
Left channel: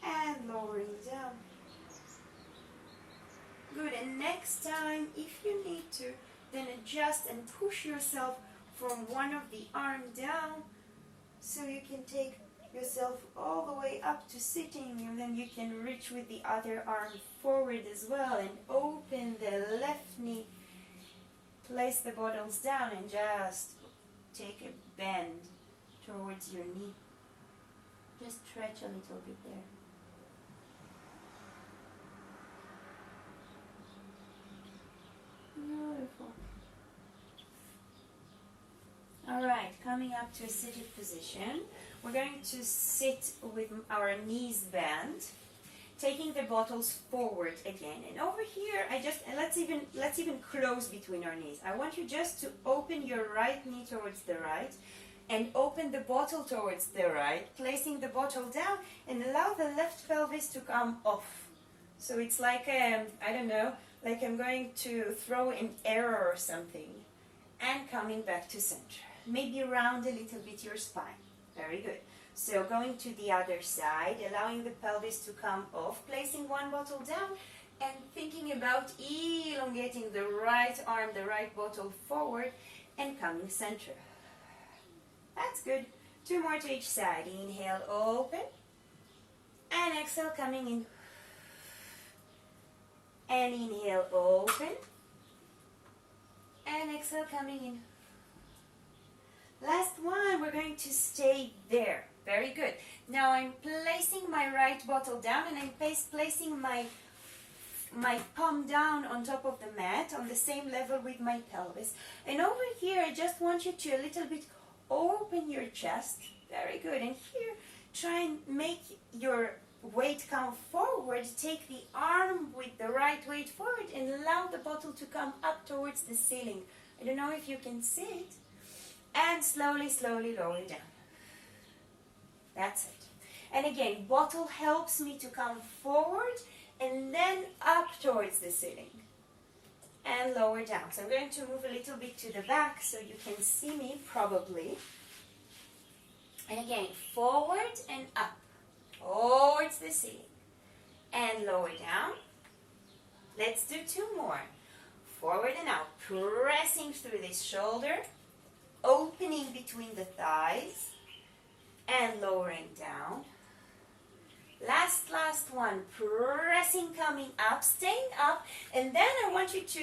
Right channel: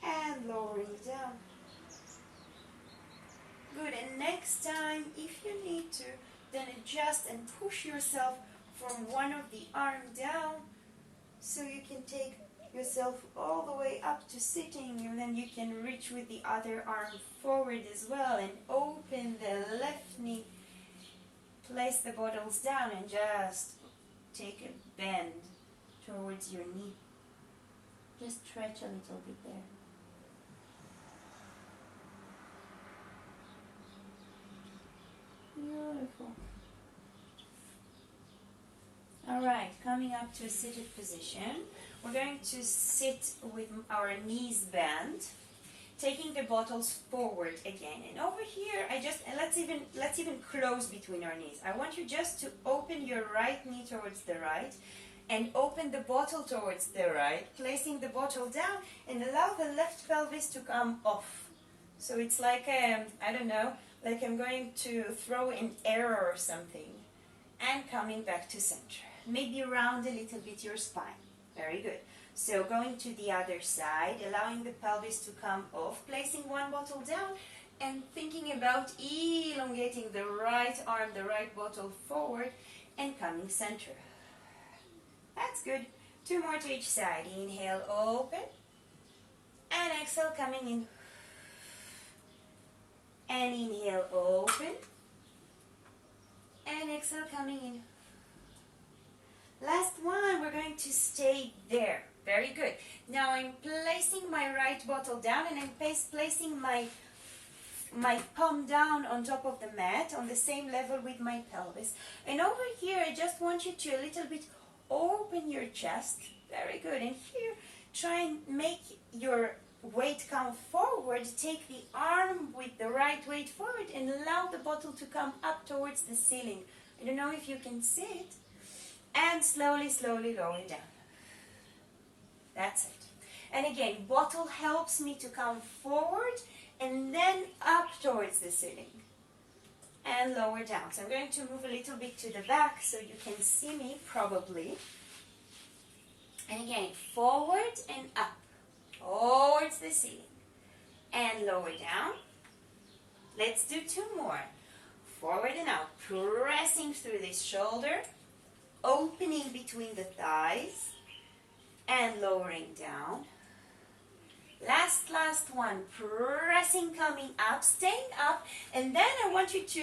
and lowering down. Good. And next time, if you need to, then adjust and push yourself from one of the arm down so you can take yourself all the way up to sitting, and then you can reach with the other arm forward as well and open the left knee. Place the bottles down and just take a bend towards your knee. Just stretch a little bit there. Beautiful. All right, coming up to a seated position. We're going to sit with our knees bent, taking the bottles forward again. And over here, let's even close between our knees. I want you just to open your right knee towards the right and open the bottle towards the right, placing the bottle down and allow the left pelvis to come off. So it's like, I don't know, like I'm going to throw an arrow or something, and coming back to center. Maybe round a little bit your spine. Very good. So going to the other side, allowing the pelvis to come off, placing one bottle down and thinking about elongating the right arm, the right bottle forward and coming center. That's good. 2 more to each side. Inhale, open. And exhale, coming in. And inhale, open. And exhale, coming in. Last one, we're going to stay there. Very good. Now I'm placing my right bottle down and I'm placing my palm down on top of the mat on the same level with my pelvis. And over here, I just want you to a little bit open your chest. Very good. And here, try and make your weight come forward. Take the arm with the right weight forward and allow the bottle to come up towards the ceiling. I don't know if you can see it. And slowly, slowly lower down. That's it. And again, bottle helps me to come forward and then up towards the ceiling. And lower down. So I'm going to move a little bit to the back so you can see me probably. And again, forward and up. Towards the ceiling. And lower down. Let's do 2 more. Forward and up. Pressing through this shoulder. Opening between the thighs and lowering down. Last one, pressing, coming up, staying up, and then I want you to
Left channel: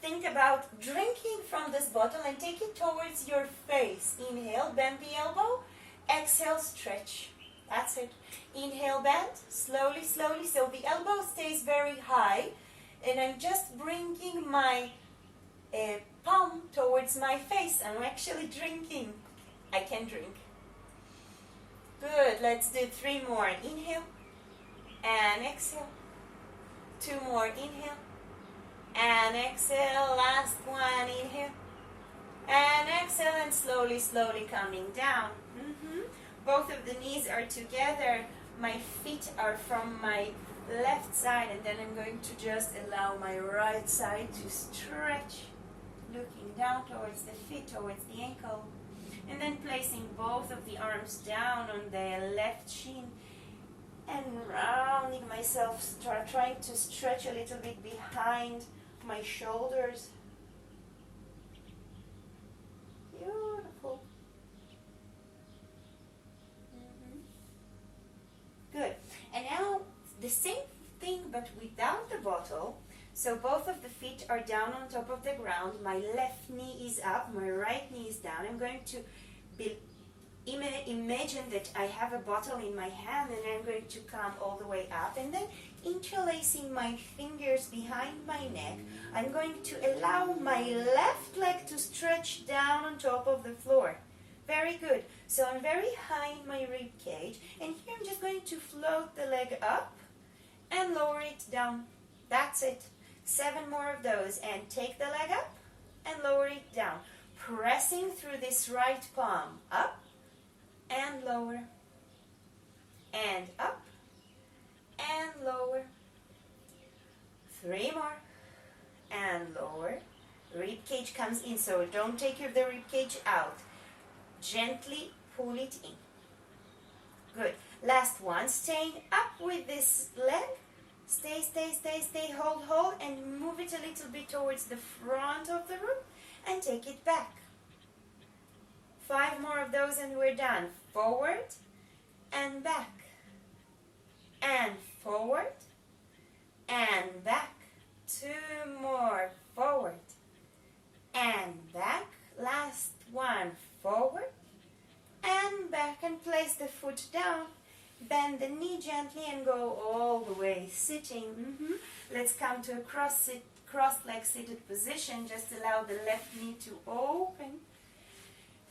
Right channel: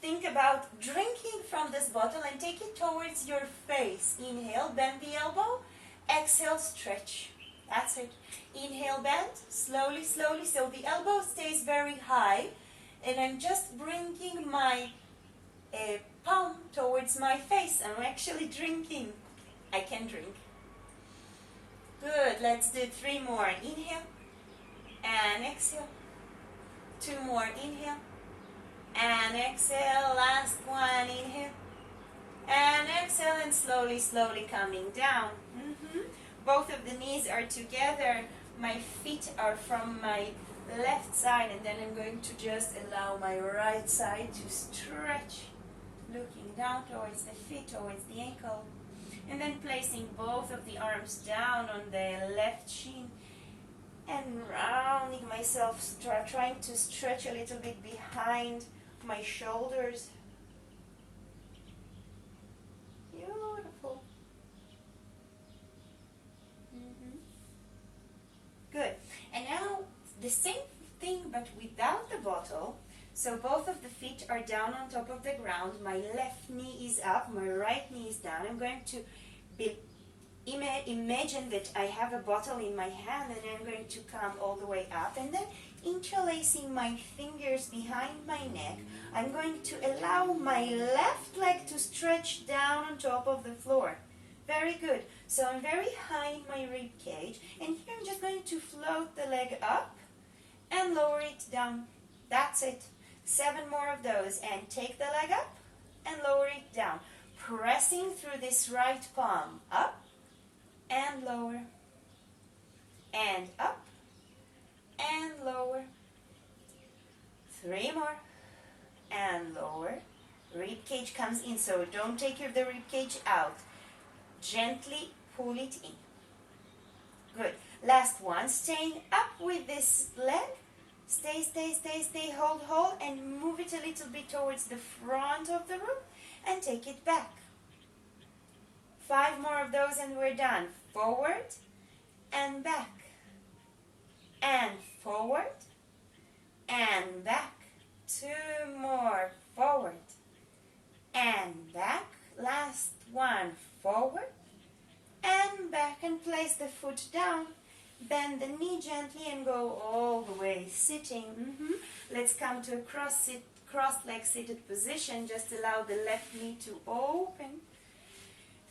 think about drinking from this bottle and take it towards your face. Inhale, bend the elbow, exhale, stretch. That's it. Inhale, bend, slowly, slowly, so the elbow stays very high, and I'm just bringing my palm towards my face. I'm actually drinking. I can drink. Good. Let's do 3 more. Inhale and exhale. 2 more. Inhale and exhale. Last one. Inhale and exhale, and slowly, slowly coming down. Both of the knees are together. My feet are from my left side, and then I'm going to just allow my right side to stretch. Looking down towards the feet, towards the ankle. And then placing both of the arms down on the left shin. And rounding myself, trying to stretch a little bit behind my shoulders. Beautiful. same thing but without the bottle. So both of the feet are down on top of the ground. My left knee is up, my right knee is down. I'm going to imagine that I have a bottle in my hand, and I'm going to come all the way up, and then interlacing my fingers behind my neck, I'm going to allow my left leg to stretch down on top of the floor. Very good. So I'm very high in my rib cage, and here I'm just going to float the leg up and lower it down. That's it. 7 more of those, and take the leg up and lower it down, pressing through this right palm, up and lower, and up and lower. 3 more, and lower. Rib cage comes in, so don't take the rib cage out. Gently pull it in. Good. Last one, staying up with this leg. Stay, stay, stay, stay, hold, hold, and move it a little bit towards the front of the room and take it back. 5 more of those and we're done. Forward and back, and forward and back. 2 more, forward and back. Last one, forward and back, and place the foot down. Bend the knee gently and go all the way sitting. Let's come to a cross-leg seated position. Just allow the left knee to open.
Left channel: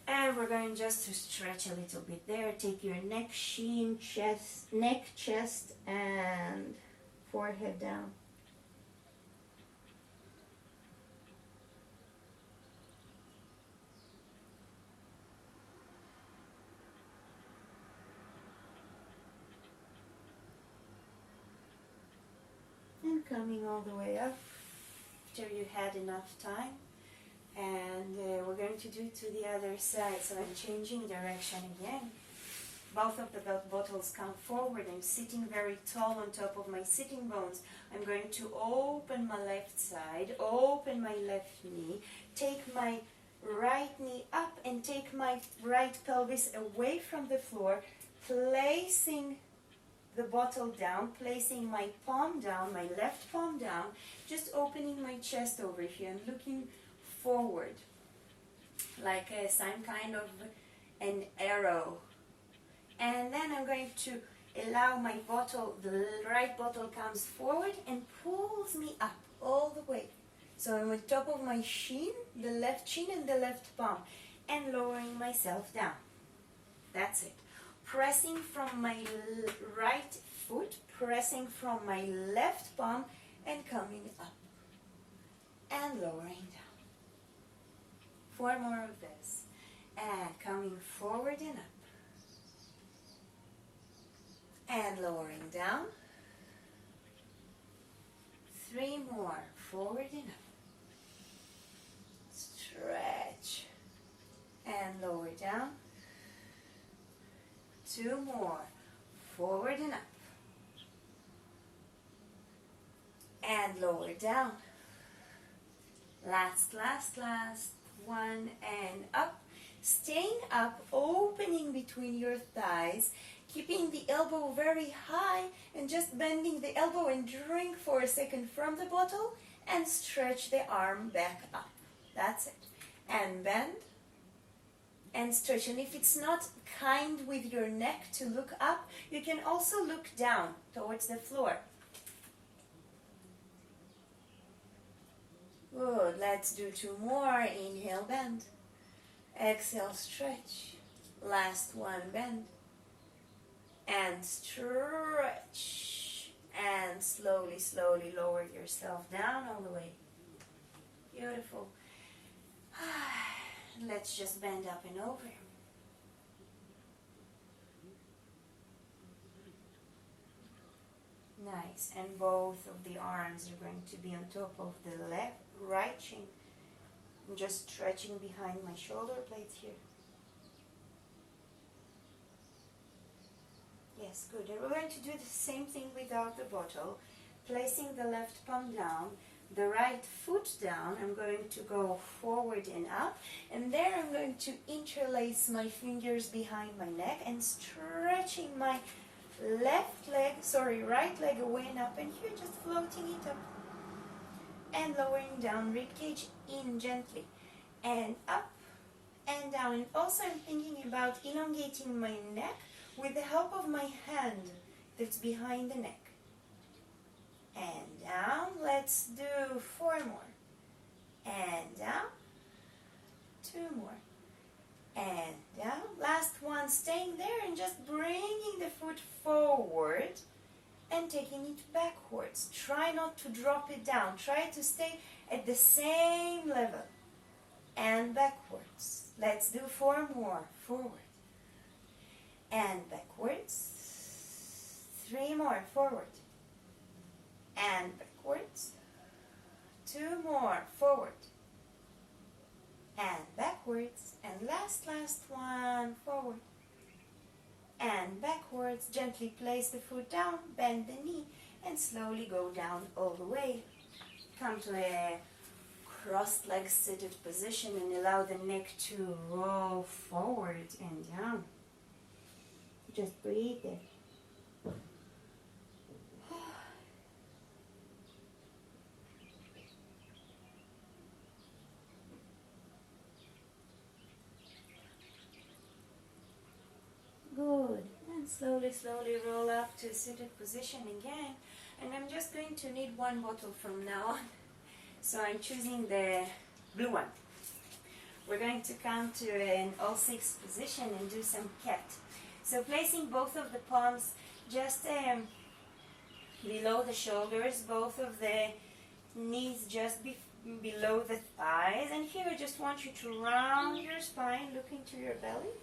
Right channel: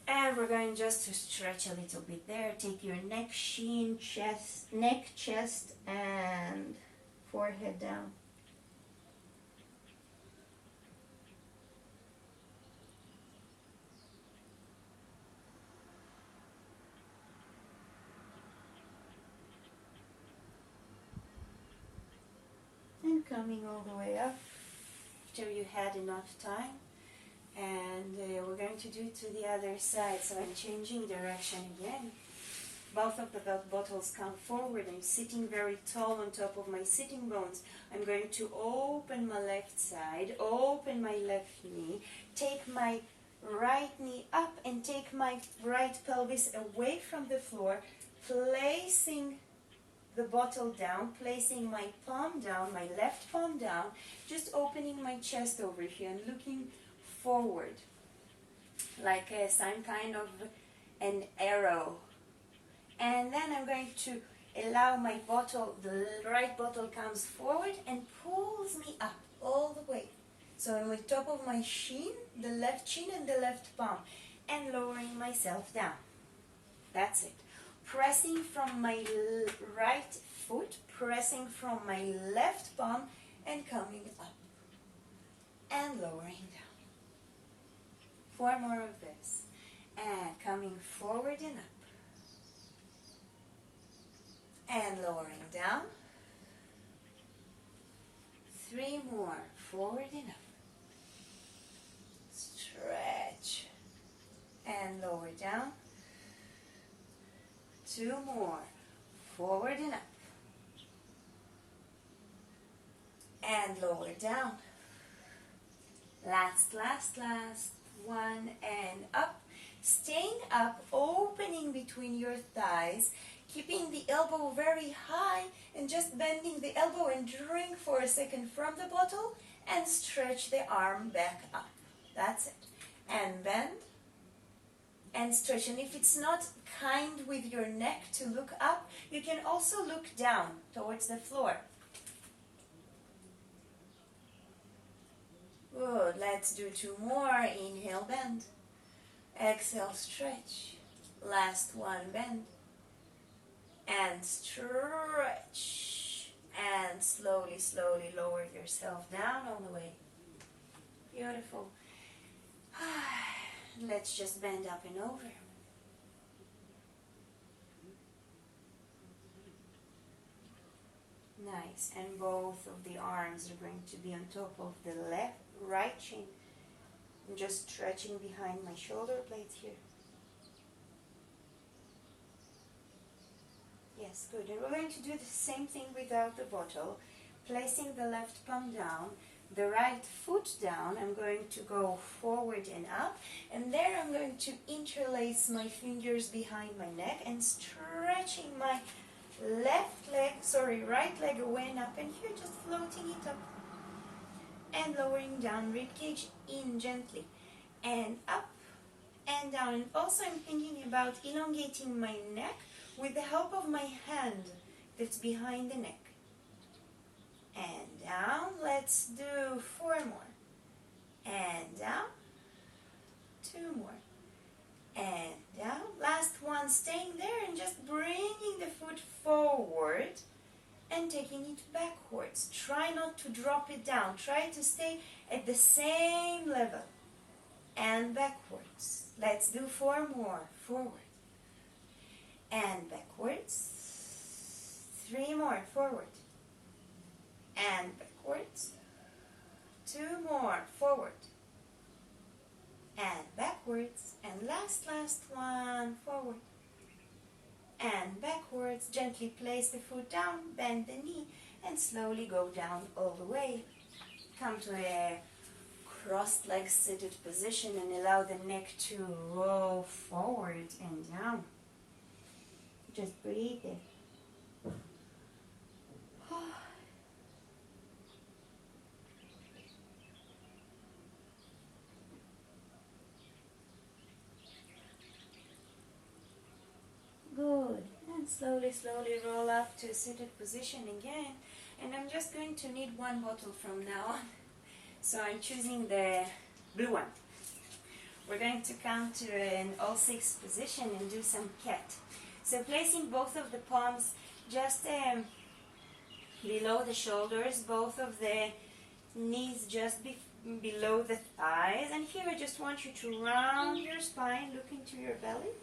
And we're going just to stretch a little bit there. Take your neck, chin, chest, neck, chest, and forehead down. And coming all the way up after you had enough time. And we're going to do it to the other side. So I'm changing direction again. Both of the bottles come forward. I'm sitting very tall on top of my sitting bones. I'm going to open my left side, open my left knee, take my right knee up and take my right pelvis away from the floor, placing the bottle down, placing my palm down, my left palm down, just opening my chest over here and looking forward like some kind of an arrow. And then I'm going to allow my bottle, the right bottle comes forward and pulls me up all the way. So I'm on top of my shin, the left shin and the left palm, and lowering myself down. That's it. Pressing from my right foot, pressing from my left palm, and coming up and lowering down. 4 more of this, and coming forward and up, and lowering down. 3 more, forward and up. Stretch and lower down. 2 more, forward and up, and lower down. Last one, and up. Staying up, opening between your thighs, keeping the elbow very high, and just bending the elbow and drink for a second from the bottle, and stretch the arm back up. That's it. And bend and stretch. And if it's not kind with your neck to look up, you can also look down towards the floor. Good. Let's do 2 more. Inhale, bend. Exhale, stretch. Last one, bend. And stretch. And slowly, slowly lower yourself down all the way. Beautiful. Let's just bend up and over. Nice. And both of the arms are going to be on top of the right shin. I'm just stretching behind my shoulder blades here. Yes, good. And we're going to do the same thing without the bottle. Placing the left palm down, the right foot down. I'm going to go forward and up. And there I'm going to interlace my fingers behind my neck and stretching my right leg away and up, and here just floating it up and lowering down, rib cage in gently and up and down. And also I'm thinking about elongating my neck with the help of my hand that's behind the neck. And down. Let's do 4 more. And down. 2 more. And down. Last one, staying there and just bringing the foot forward and taking it backwards. Try not to drop it down. Try to stay at the same level. And backwards. Let's do 4 more. Forward. And backwards. 3 more. Forward. And backwards. 2 more. Forward. And backwards. And last one. Forward. And backwards. Gently place the foot down. Bend the knee. And slowly go down all the way. Come to a crossed leg seated position and allow the neck to roll forward and down. Just breathe there. Good. And slowly roll up to a seated position again. And I'm just going to need 1 bottle from now on. So I'm choosing the blue one. We're going to come to an all 6 position and do some cat. So placing both of the palms just below the shoulders, both of the knees just below the thighs. And here I just want you to round your spine, look into your belly.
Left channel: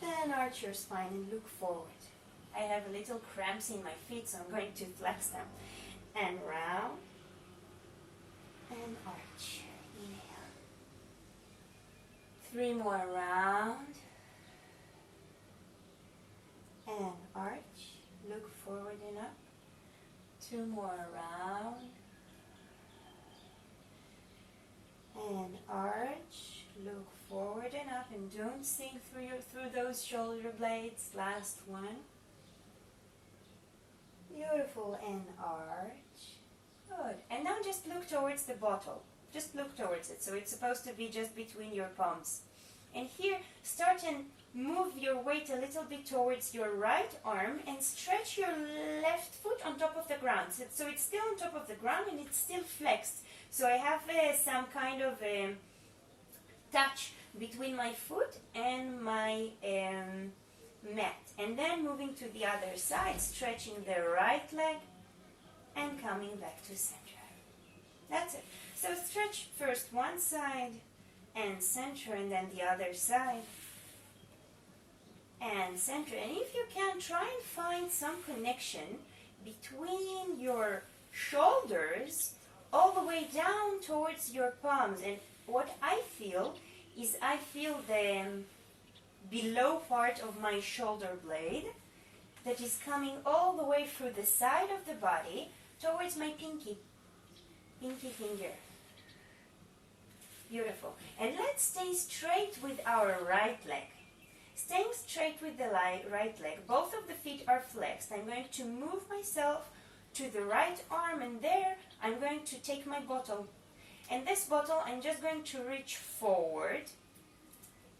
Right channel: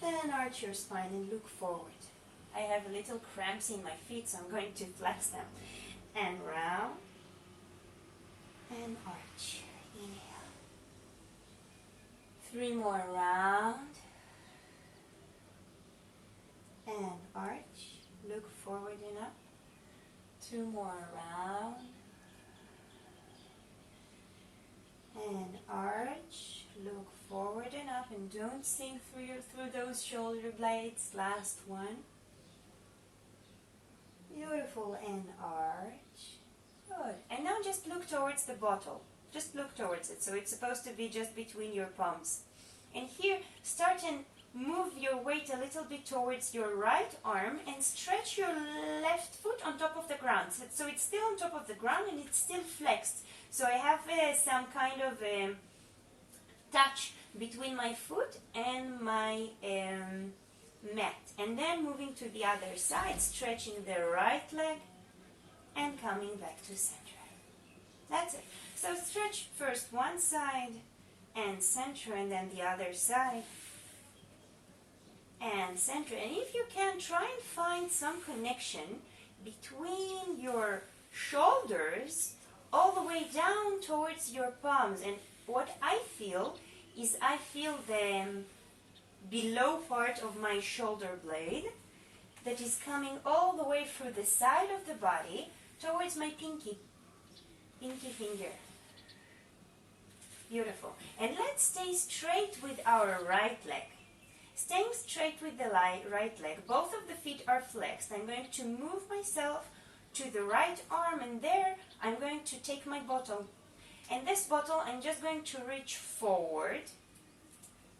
Then arch your spine and look forward. I have a little cramps in my feet, so I'm going to flex them. And round. And arch. Inhale. 3 more round. And arch. Look forward and up. 2 more round. And arch. Look forward and up, and don't sink through those shoulder blades. Last one. Beautiful. And arch. Good. And now just look towards the bottle. Just look towards it. So it's supposed to be just between your palms. And here, start and move your weight a little bit towards your right arm and stretch your left foot on top of the ground. So it's still on top of the ground and it's still flexed. So I have some kind of touch between my foot and my mat. And then moving to the other side, stretching the right leg and coming back to center. That's it. So stretch first one side and center, and then the other side and center. And if you can, try and find some connection between your shoulders all the way down towards your palms. And what I feel is I feel the below part of my shoulder blade that is coming all the way through the side of the body towards my pinky finger. Beautiful. And let's stay straight with our right leg. Staying straight with the right leg. Both of the feet are flexed. I'm going to move myself to the right arm, and there I'm going to take my bottle. And this bottle, I'm just going to reach forward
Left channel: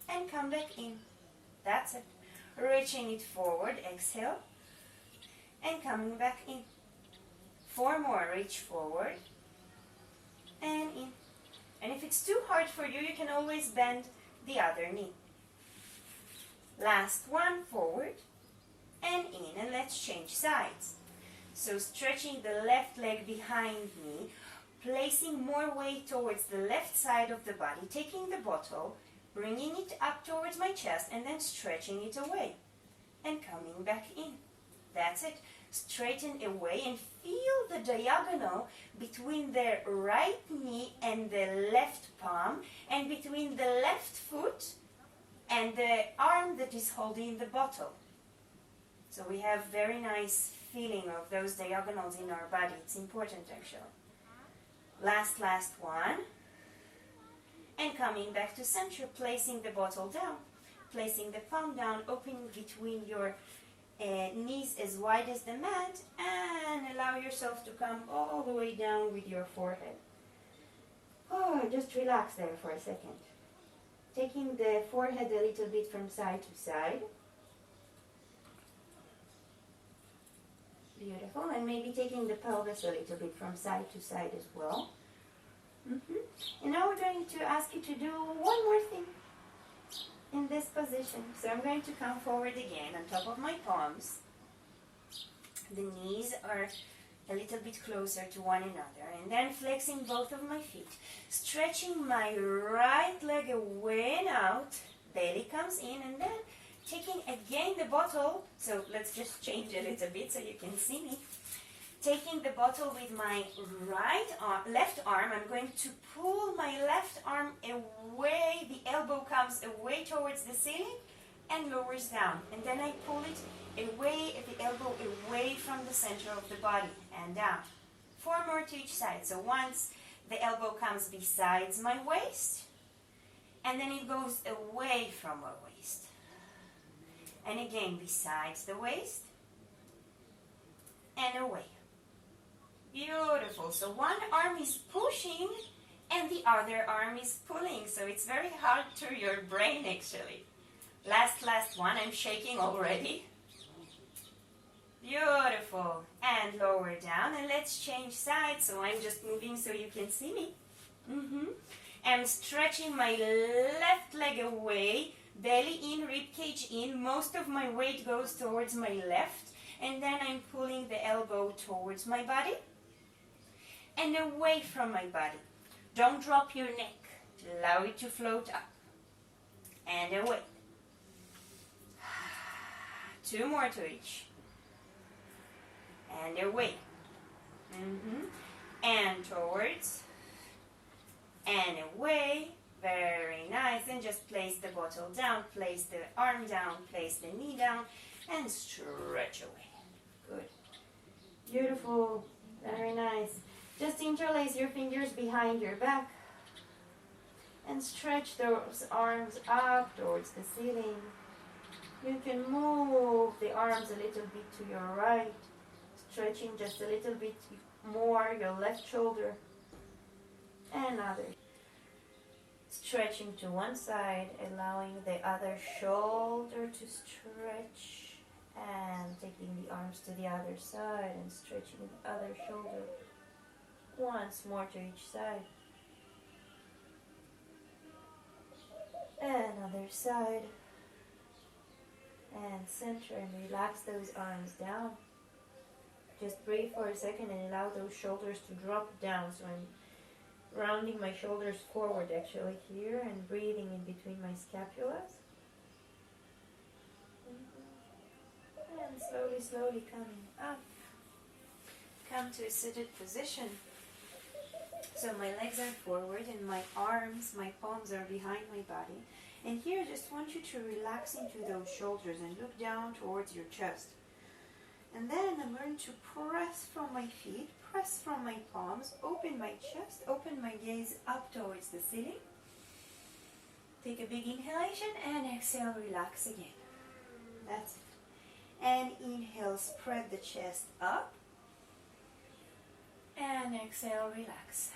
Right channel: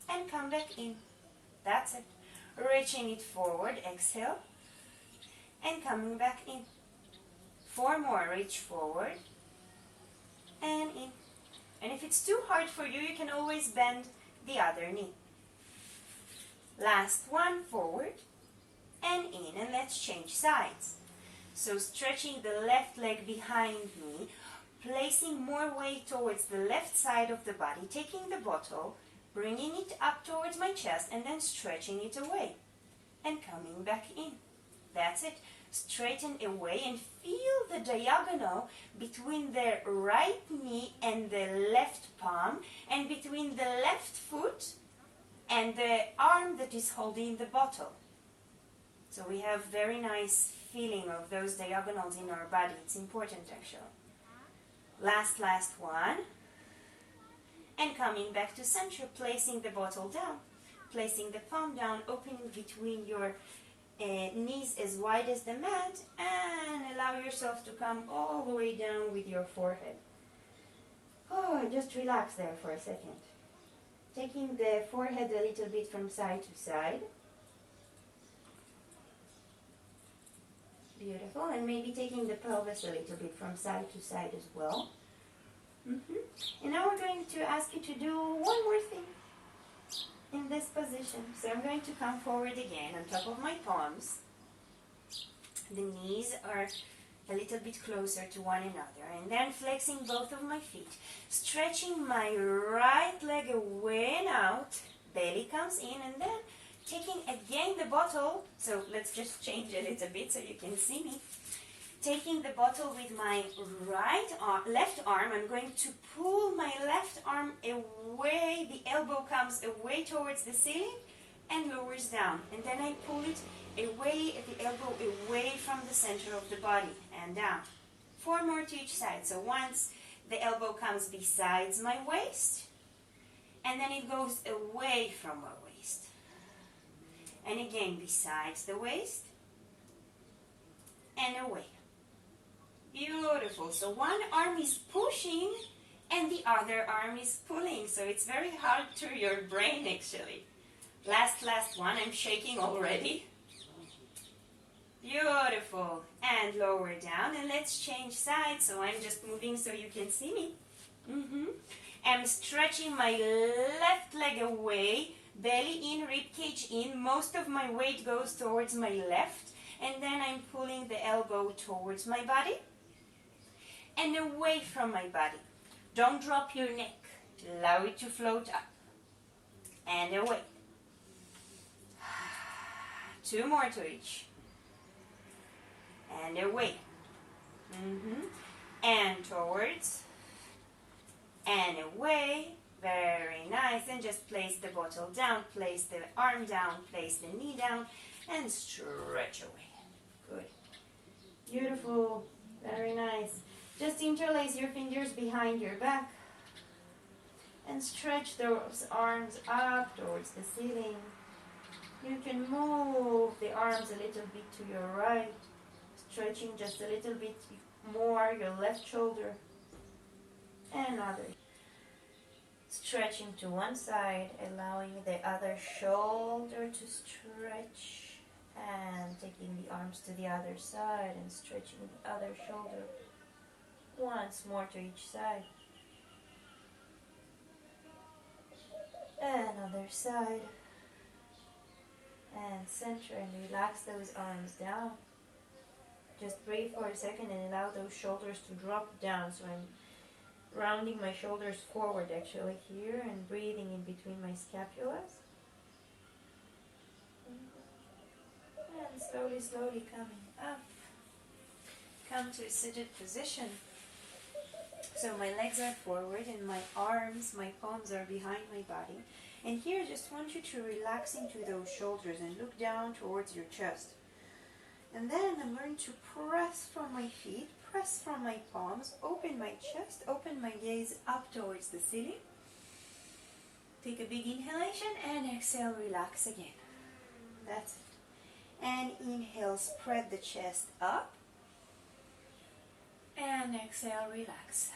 and come back in. That's it. Reaching it forward, exhale, and coming back in. 4 more, reach forward and in. And if it's too hard for you, you can always bend the other knee. Last one, forward and in. And let's change sides. So stretching the left leg behind me, placing more weight towards the left side of the body, taking the bottle, bringing it up towards my chest, and then stretching it away and coming back in. That's it. Straighten away and feel the diagonal between the right knee and the left palm, and between the left foot and the arm that is holding the bottle. So we have very nice feeling of those diagonals in our body. It's important actually. Last one. And coming back to center, placing the bottle down, placing the palm down, opening between your knees as wide as the mat, and allow yourself to come all the way down with your forehead. Oh, just relax there for a second. Taking the forehead a little bit from side to side. Beautiful. And maybe taking the pelvis a little bit from side to side as well. And now we're going to ask you to do one more thing in this position. So I'm going to come forward again on top of my palms. The knees are a little bit closer to one another, and then flexing both of my feet, stretching my right leg away and out, belly comes in, and then taking again the bottle. So let's just change a little bit so you can see me. Taking the bottle with my left arm, I'm going to pull my left arm away. The elbow comes away towards the ceiling and lowers down. And then I pull it away, the elbow away from the center of the body and down. 4 more to each side. So once the elbow comes besides my waist, and then it goes away from my waist. And again, besides the waist, and away. Beautiful. So one arm is pushing and the other arm is pulling. So it's very hard to your brain actually. Last one. I'm shaking already. Beautiful. And lower down. And let's change sides. So I'm just moving so you can see me. I'm stretching my left leg away. Belly in, ribcage in. Most of my weight goes towards my left. And then I'm pulling the elbow towards my body and away from my body. Don't drop your neck. Allow it to float up and away. 2 more to each. And away. And towards and away. Very nice. And just place the bottle down, place the arm down, place the knee down, and stretch away. Good. Beautiful. Very nice. Just interlace your fingers behind your back and stretch those arms up towards the ceiling. You can move the arms a little bit to your right, stretching just a little bit more your left shoulder and other. Stretching to one side, allowing the other shoulder to stretch, and taking the arms to the other side and stretching the other shoulder. Once more to each side. And other side. And center, and relax those arms down. Just breathe for a second and allow those shoulders to drop down. So I'm rounding my shoulders forward actually here and breathing in between my scapulas. And slowly coming up. Come to a seated position. So my legs are forward and my arms, my palms are behind my body. And here I just want you to relax into those shoulders and look down towards your chest. And then I'm going to press from my feet, press from my palms, open my chest, open my gaze up towards the ceiling. Take a big inhalation and exhale, relax again. That's it. And inhale, spread the chest up. And exhale, relax.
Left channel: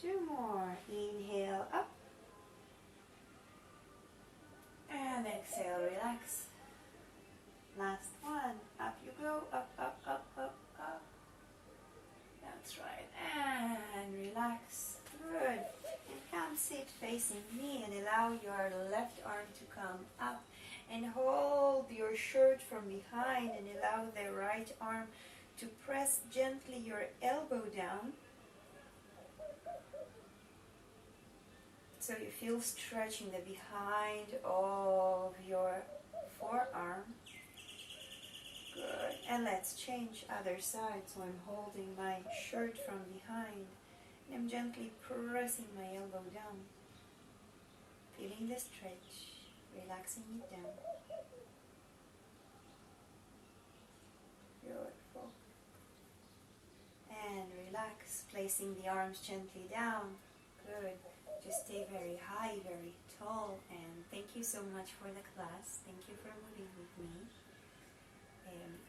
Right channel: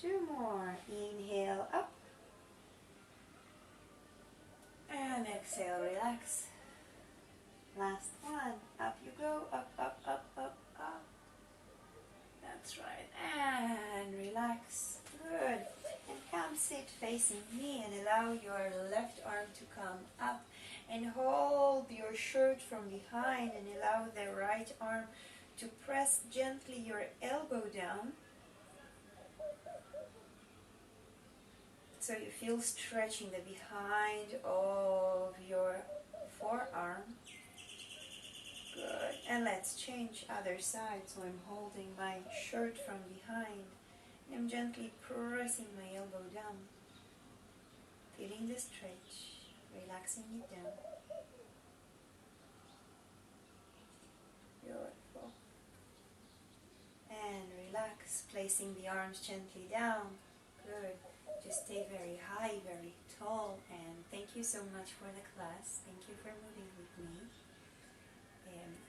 2 more. Inhale up. And exhale, relax. Last one. Up you go. Up, up, up, up, up. That's right. And relax. Good. And come sit facing me and allow your left arm to come up. And hold your shirt from behind and allow the right arm to press gently your elbow down. So you feel stretching the behind of your forearm. Good. And let's change other side. So I'm holding my shirt from behind. And I'm gently pressing my elbow down. Feeling the stretch. Relaxing it down. Beautiful. And relax, placing the arms gently down. Good. Just stay very high, very tall, and thank thank you so much for the class. Thank you for moving with me.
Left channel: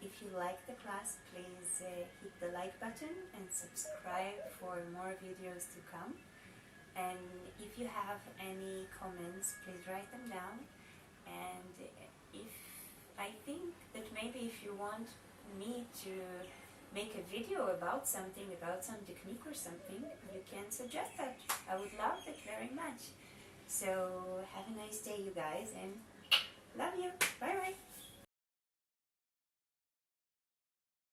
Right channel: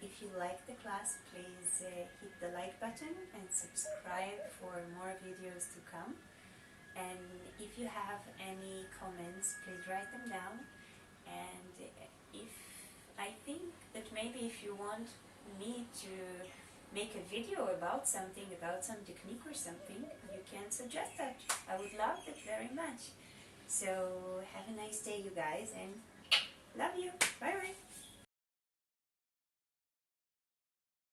If you like the class, please hit the like button and subscribe for more videos to come. And if you have any comments, please write them down. And if I think that maybe if you want me to make a video about something, about some technique or something, you can suggest that. I would love it very much. So have a nice day, you guys, and love you. Bye bye.